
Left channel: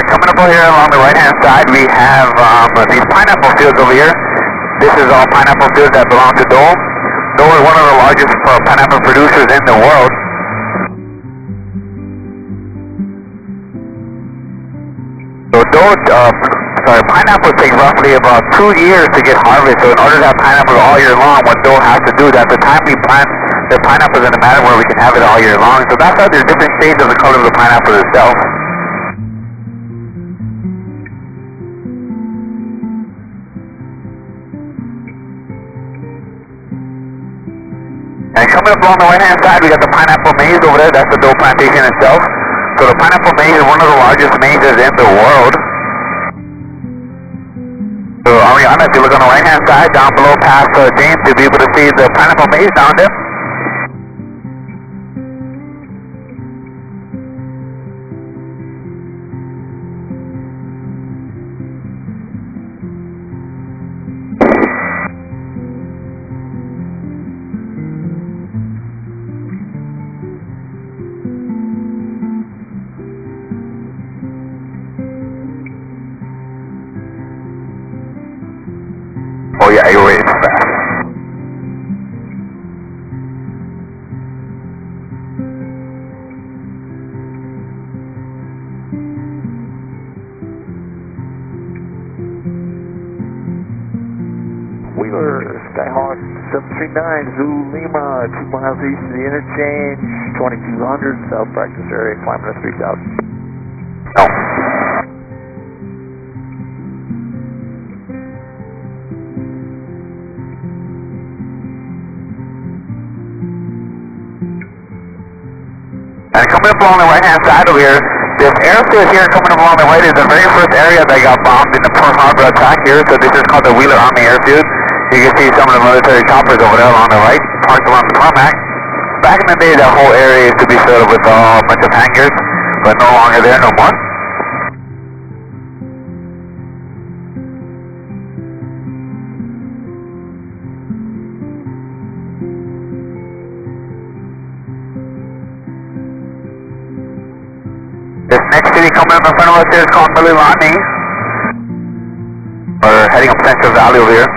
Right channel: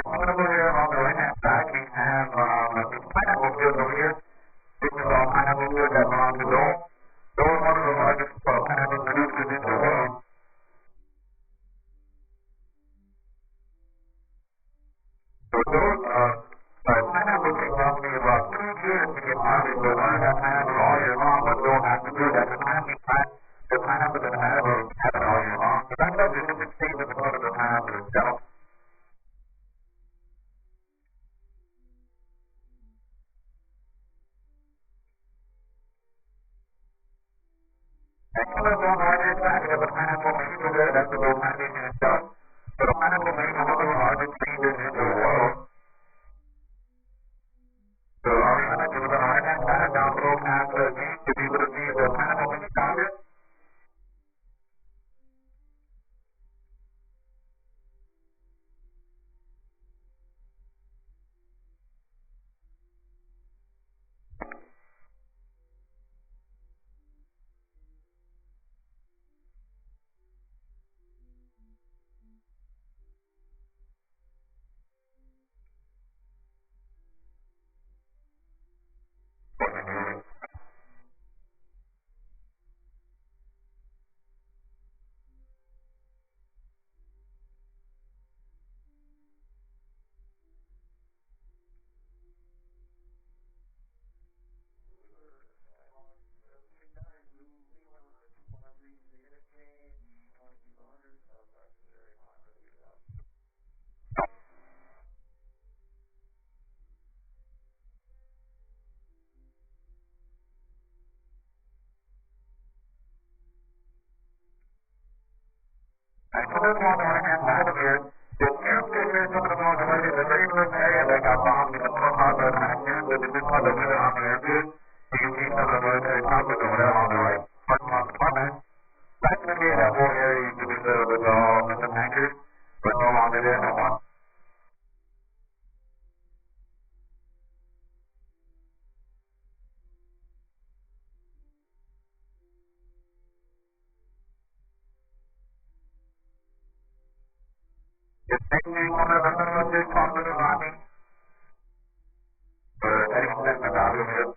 Coming up over here along the right-hand side, we have these pineapple fields over here. This is all pineapple fields that belong to Dole. Dole is one of the largest pineapple producers in the world. So pineapples take roughly about 2 years to get harvested. So in order to have pineapples all year long, what Dole has to do is at the time we plant the pineapples in a manner where we can have it all year long. So that's why there's different shades of the color of the pineapple itself. And coming up along the right-hand side, we got the pineapple maze over there. That's the Dole plantation itself. So the pineapple maze is one of the largest mazes in the world. So Ariana, if you look on the right-hand side, down below past James, you'll be able to see the pineapple maze down there. Oh yeah, you're way too fast. We were Skyhawk 739, Zulu Lima, 2 miles east of the interchange, 2200, south practice area, climbing to 3000. No. And coming up along the right-hand side over here, this airfield here coming up along the right is the very first area that got bombed in the Pearl Harbor attack here. So this is called the Wheeler Army Airfield. You can see some of the military choppers over there along the right, parked along the tarmac. Back in the day, that whole area used to be filled with a bunch of hangars, but no longer there no more. This next city coming up in front of us here is called Mililani. We're heading up Central Valley over here.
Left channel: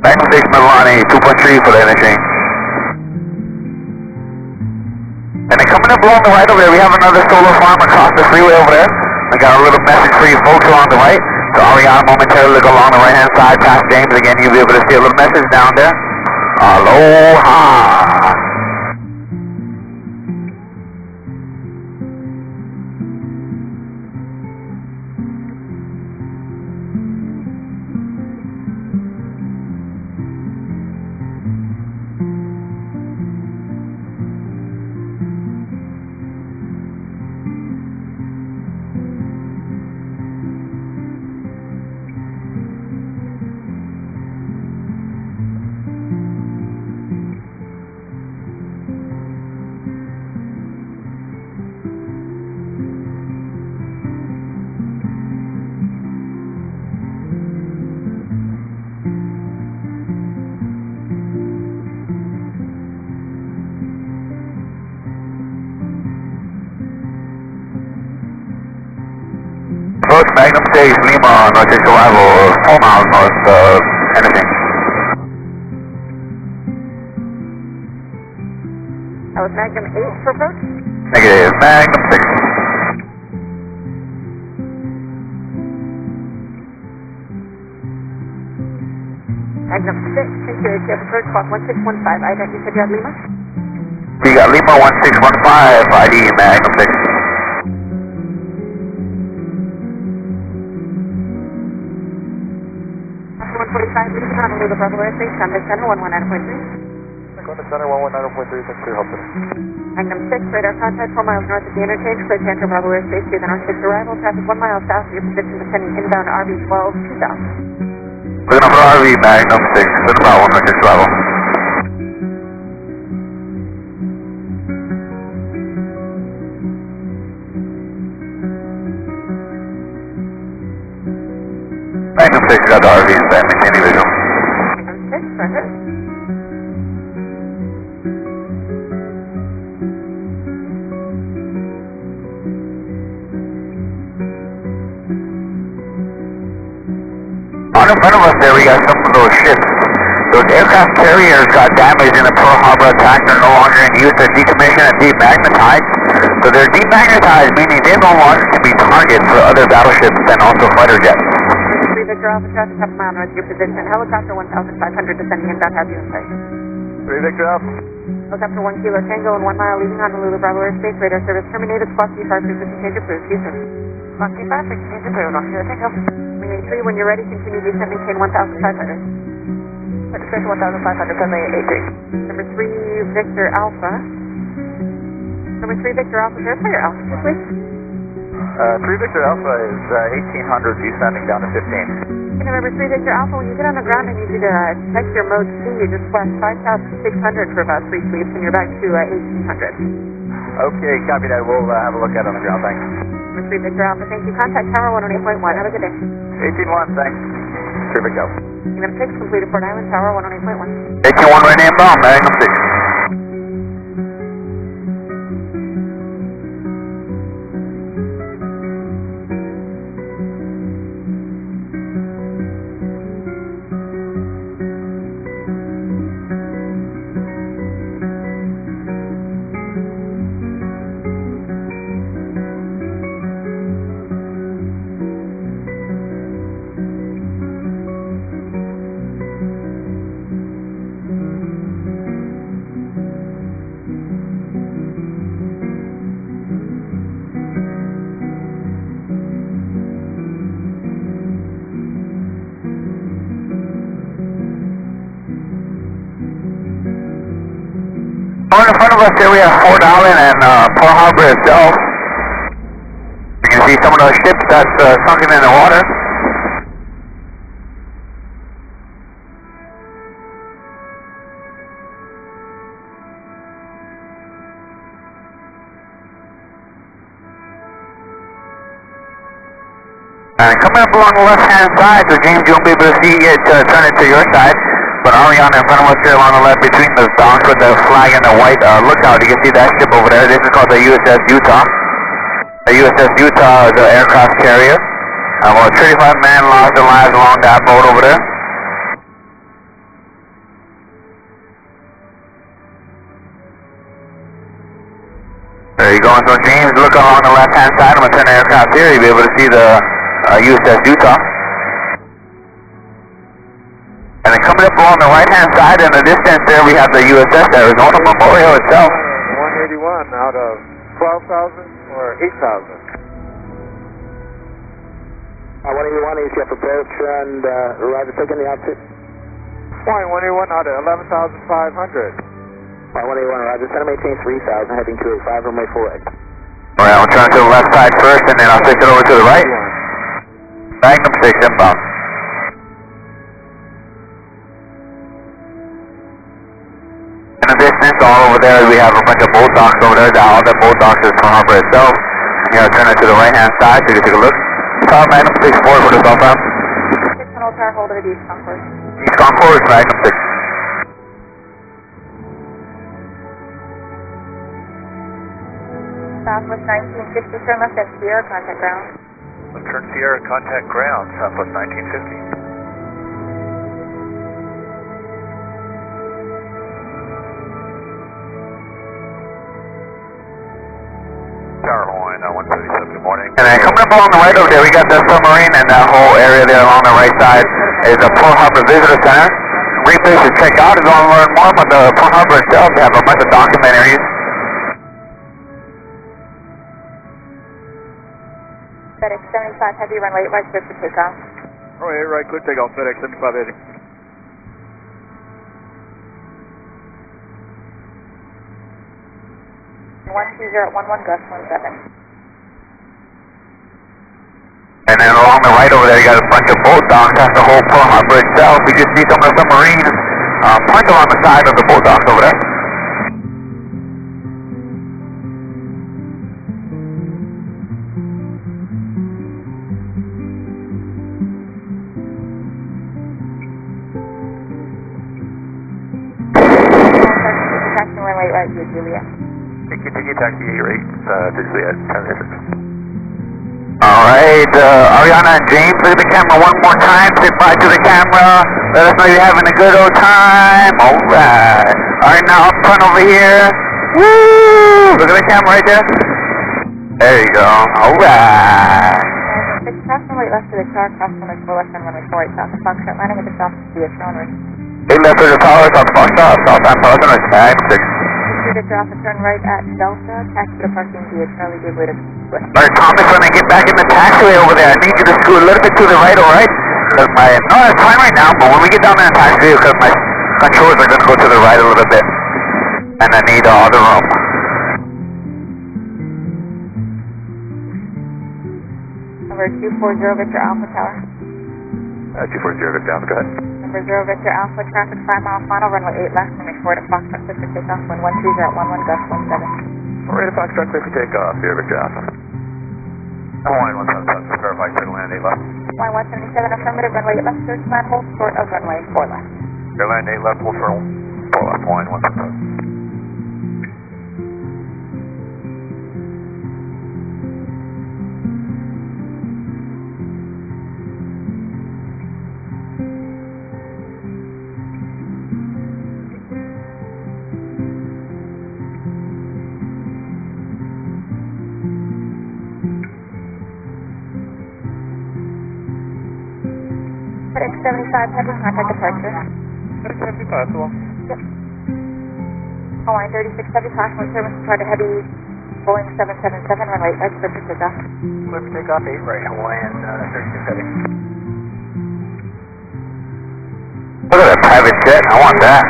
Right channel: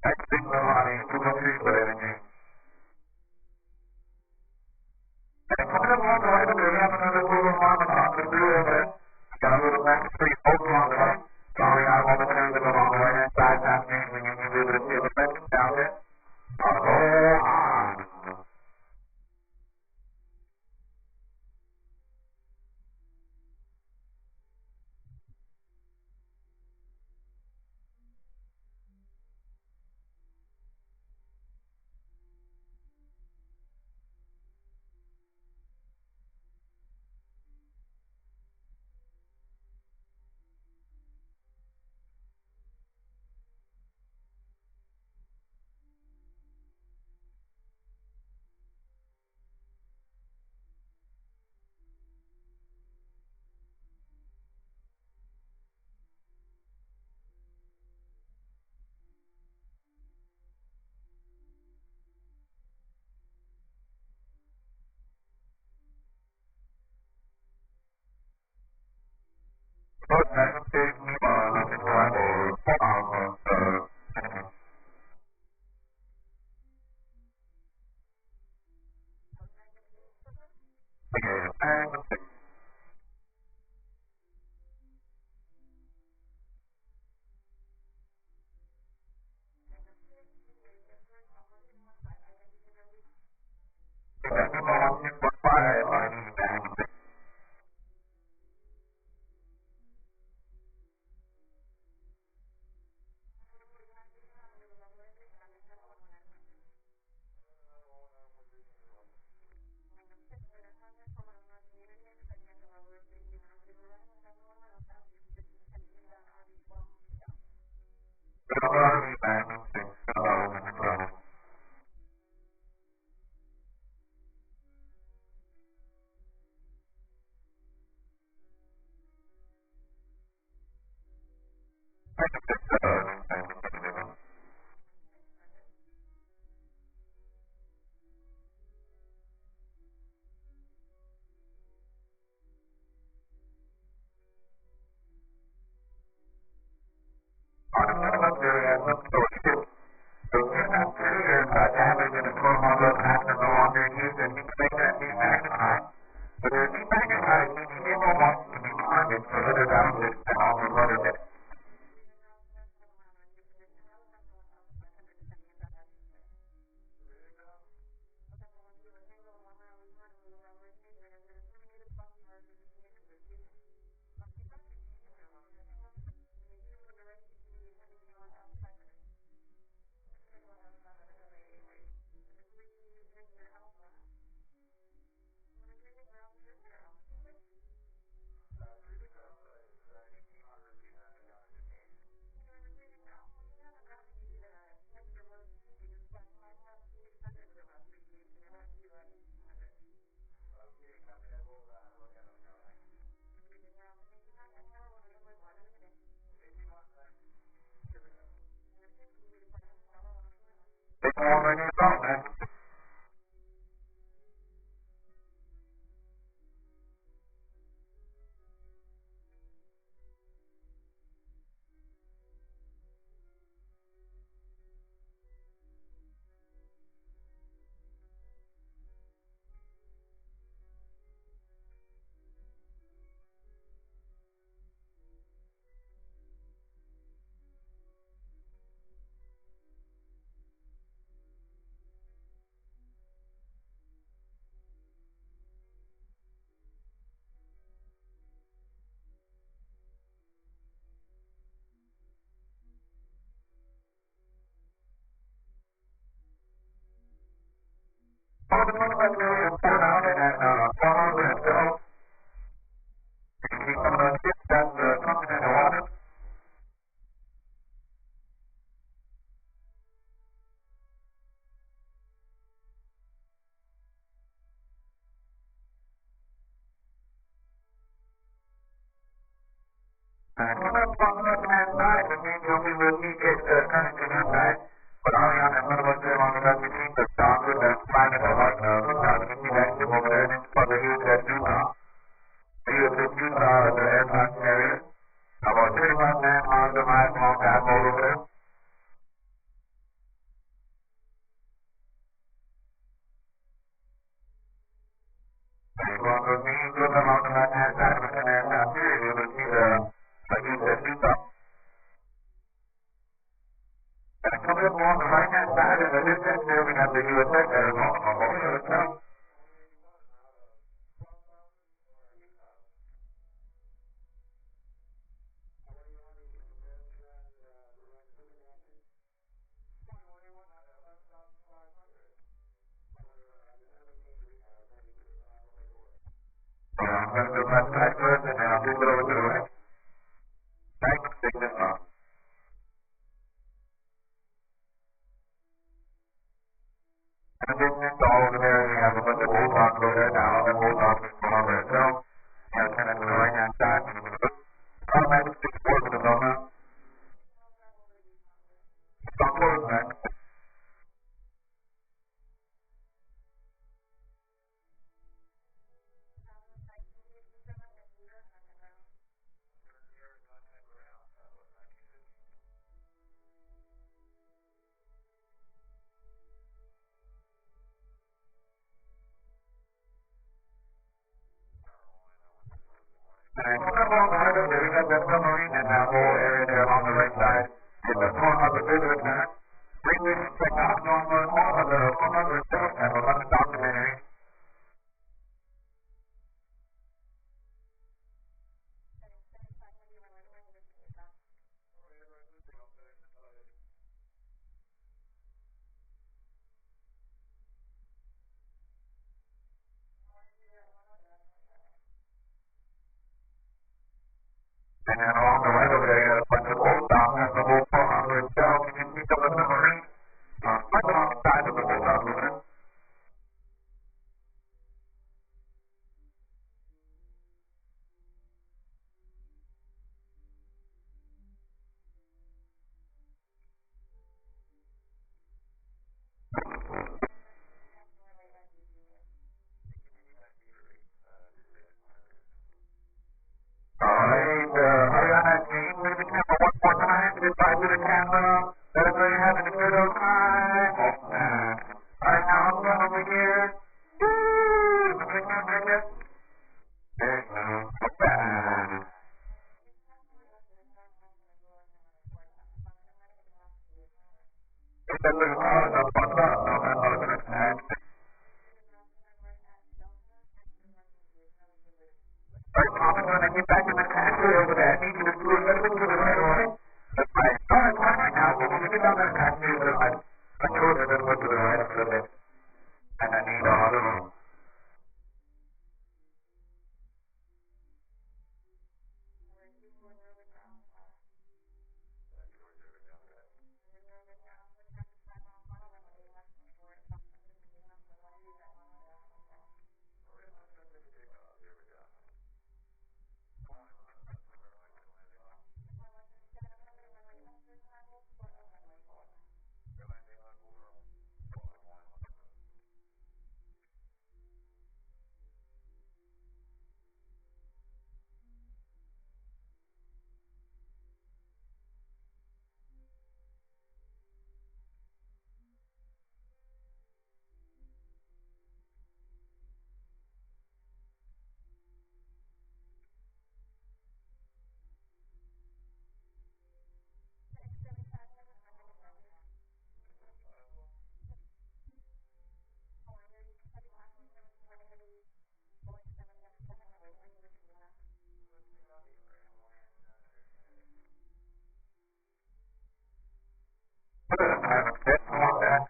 Magnum 6 Mililani, 2.3 for the interchange. And then coming up along the right over there, we have another solar farm across the freeway over there. We got a little message for you folks along the right. So Ariana momentarily look along the right hand side past James. Again, you'll be able to see a little message down there. Aloha. Approach Magnum 6, Lima, northeast arrival, 4 miles north of anything. That was Magnum 8 for approach? Negative, Magnum 6. Magnum 6, security check approach, clock 1615, ID, you said you had Lima? You got Lima 1615, ID Magnum 6. 145, leaving Honolulu, Bravo Airspace, contact center 119.3. Contact center 119.3, thanks for your help today. Magnum 6, radar contact 4 miles north of the interchange, clear to enter Bravo Airspace, to the north 6 arrival, traffic 1 mile south of your position, descending inbound RV 12 2000. Looking up for RV Magnum 6, to the Bravo, northeast arrival. Magnum 6 got the RV in stand, maintaining visual. Magnum 6, roger. On in front of us there, we got some of those ships. Those aircraft carriers got damaged in the Pearl Harbor attack. They're no longer in use. They're decommissioned and demagnetized. So they're demagnetized, meaning they no longer can be targets for other battleships and also fighter jets. 3 Victor Alpha, traffic half a mile north of your position, helicopter 1500 descending inbound, have you in sight. 3 Victor Alpha. Helicopter 1 Kilo Tango and 1 mile leaving Honolulu, Bravo Airspace, radar service terminated, squawk C5, frequency change approved, Houston. Squawk C5, frequency change approved, on Kilo Tango. Wing 3, when you're ready, continue descending, chain 1500. Registration 1500, friendly 83. Number 3 Victor Alpha. Number 3 Victor Alpha, verify your altitude, please. 3 Victor Alpha is 1800, descending down to 15. Okay, number 3 Victor Alpha, when you get on the ground, I need you to check your mode C. You just flash 5,600 for about 3 sweeps, and you're back to 1,800. Okay, copy that. We'll have a look at it on the ground, thanks. Number 3 Victor Alpha, thank you. Contact Tower 108.1. Have a good day. 18-1, thanks. 3 Victor Alpha. Number 6, completed Port Island, Tower 108.1. 18-1 right inbound, Magnum 6. Oh, in front of us here we have Fort Island and Pearl Harbor itself. You can see some of those ships that's sunken in the water. And coming up along the left-hand side, so James, you won't be able to see it turn it to your side. But Ariana in front of us here along the left between the docks with the flag and the white lookout, you can see that ship over there. This is called the USS Utah. The USS Utah is an aircraft carrier. About 35 men lost their lives along that boat over there. There you go. So James, look along the left-hand side. I'm going to turn the aircraft here. You'll be able to see the USS Utah. And then coming up along the right-hand side in the distance there, we have the USS Arizona Memorial itself. 181 out of 12,000 or 8,000? 181, east up approach, and Roger, taking the outfit. Point 181 out of 11,500. 181, Roger, center maintain 3,000, heading 285, runway 48. Alright, I'm turn to the left side first, and then I'll switch it over to the right. Magnum 6 inbound. In the distance, all over there, we have a bunch of boat docks over there. All the boat docks is Pearl Harbor itself. You know, turn it to the right-hand side so you can take a look. Tower Magnum 6-4 for the southbound. 6 Tunnel Tower, hold it at East Concourse. East Concourse, Magnum 6. Southwest 1950, turn left at Sierra, contact ground. Turn Sierra, contact ground, Southwest 1950. Tower Hawai'i, 137, good morning. And then coming up along the right over there, we got the submarine, and that whole area there along the right side is the Pearl Harbor Visitor Center. Great place to check out if you want to learn more about the Pearl Harbor itself. They have a bunch of documentaries. FedEx 75 Heavy, runway 8 right, clear for takeoff. Runway 8 right, clear takeoff, FedEx 75 Heavy. One 2011 Gus 17. And then along the right over there, you got a bunch of boat docks. That's the whole Pearl Harbor itself. You can see some of the submarines parked along the side of the boat docks over there. Runway 8 right, Julia. Tiki taxi 8 to Juliet, 10 Alright, Ariana and James, look at the camera one more time. Say bye to the camera. Let us know you're having a good old time. Alright. Alright, now up front over here. Woo! Look at the camera right there. There you go. Alright. 6 crossing right left to the tower, crossing right full left and runway 48 south of Foxtrot, landing with the south to the Astronomer. 8 left to the tower, south of Foxtrot, south and south and right, 6. Victor Alpha, turn right at Delta, taxi to parking via Charlie, give way to West. Alright, Thomas, when I get back in the taxiway over there, I need you to scoot a little bit to the right, alright? Because no, it's fine right now, but when we get down in the taxiway, because my controls are going to go to the right a little bit. And I need all the room. Number 240 Victor Alpha Tower. 240 Victor Alpha, go ahead. Number 0 Victor Alpha, traffic 5 mile final, runway 8 left, runway 4 to Foxtrot, clear for takeoff, wind 13011, Gus 17. Alright, Foxtrot, clear for takeoff, here Victor Alpha. Hawai'i 177, verify clear land 8 left. Hawai'i 177, affirmative, runway 8 left, search manhole, short of runway 4 left. Clear land 8 left, hold for 4 left, Hawai'i 177. FedEx 75 Heavy, contact departure. FedEx 75, so Yep. Hawai'i 36 Heavy, caution service to Heavy, Boeing 777, runway 8 right, clear for takeoff. clear for takeoff 8 right, Hawaiian 36 Heavy. Look at that private jet, I want that.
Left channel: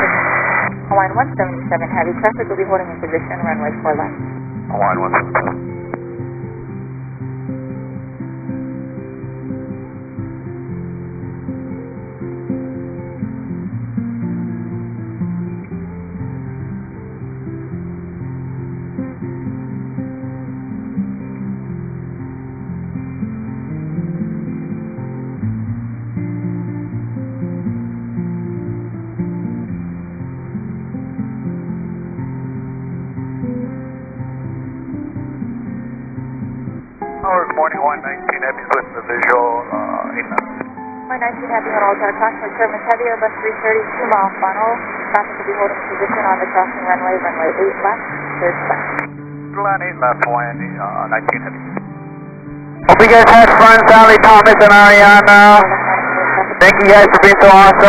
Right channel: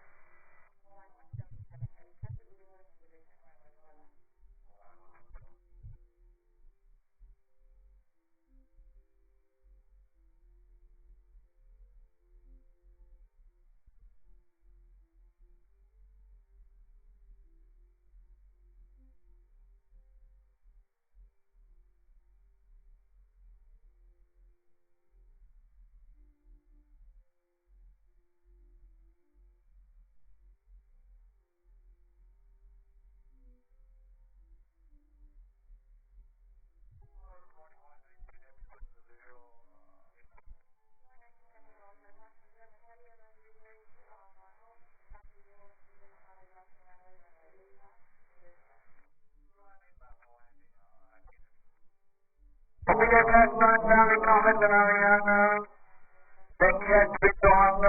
Hawaiian 177 Heavy, traffic will be holding in position, runway 4 left. Hawaiian 177. Good morning, 119 Heavy with the visual, 8 knots. 119 Heavy, hold all tower crossing service heavy, Airbus 330, 2 mile funnel. Traffic will be holding position on the crossing runway 8 left, 30 left. Line 8 left, Hawaiian 19 Heavy. Hope you guys had fun, Sally, Thomas, and Ariana. Thank you guys for being so awesome.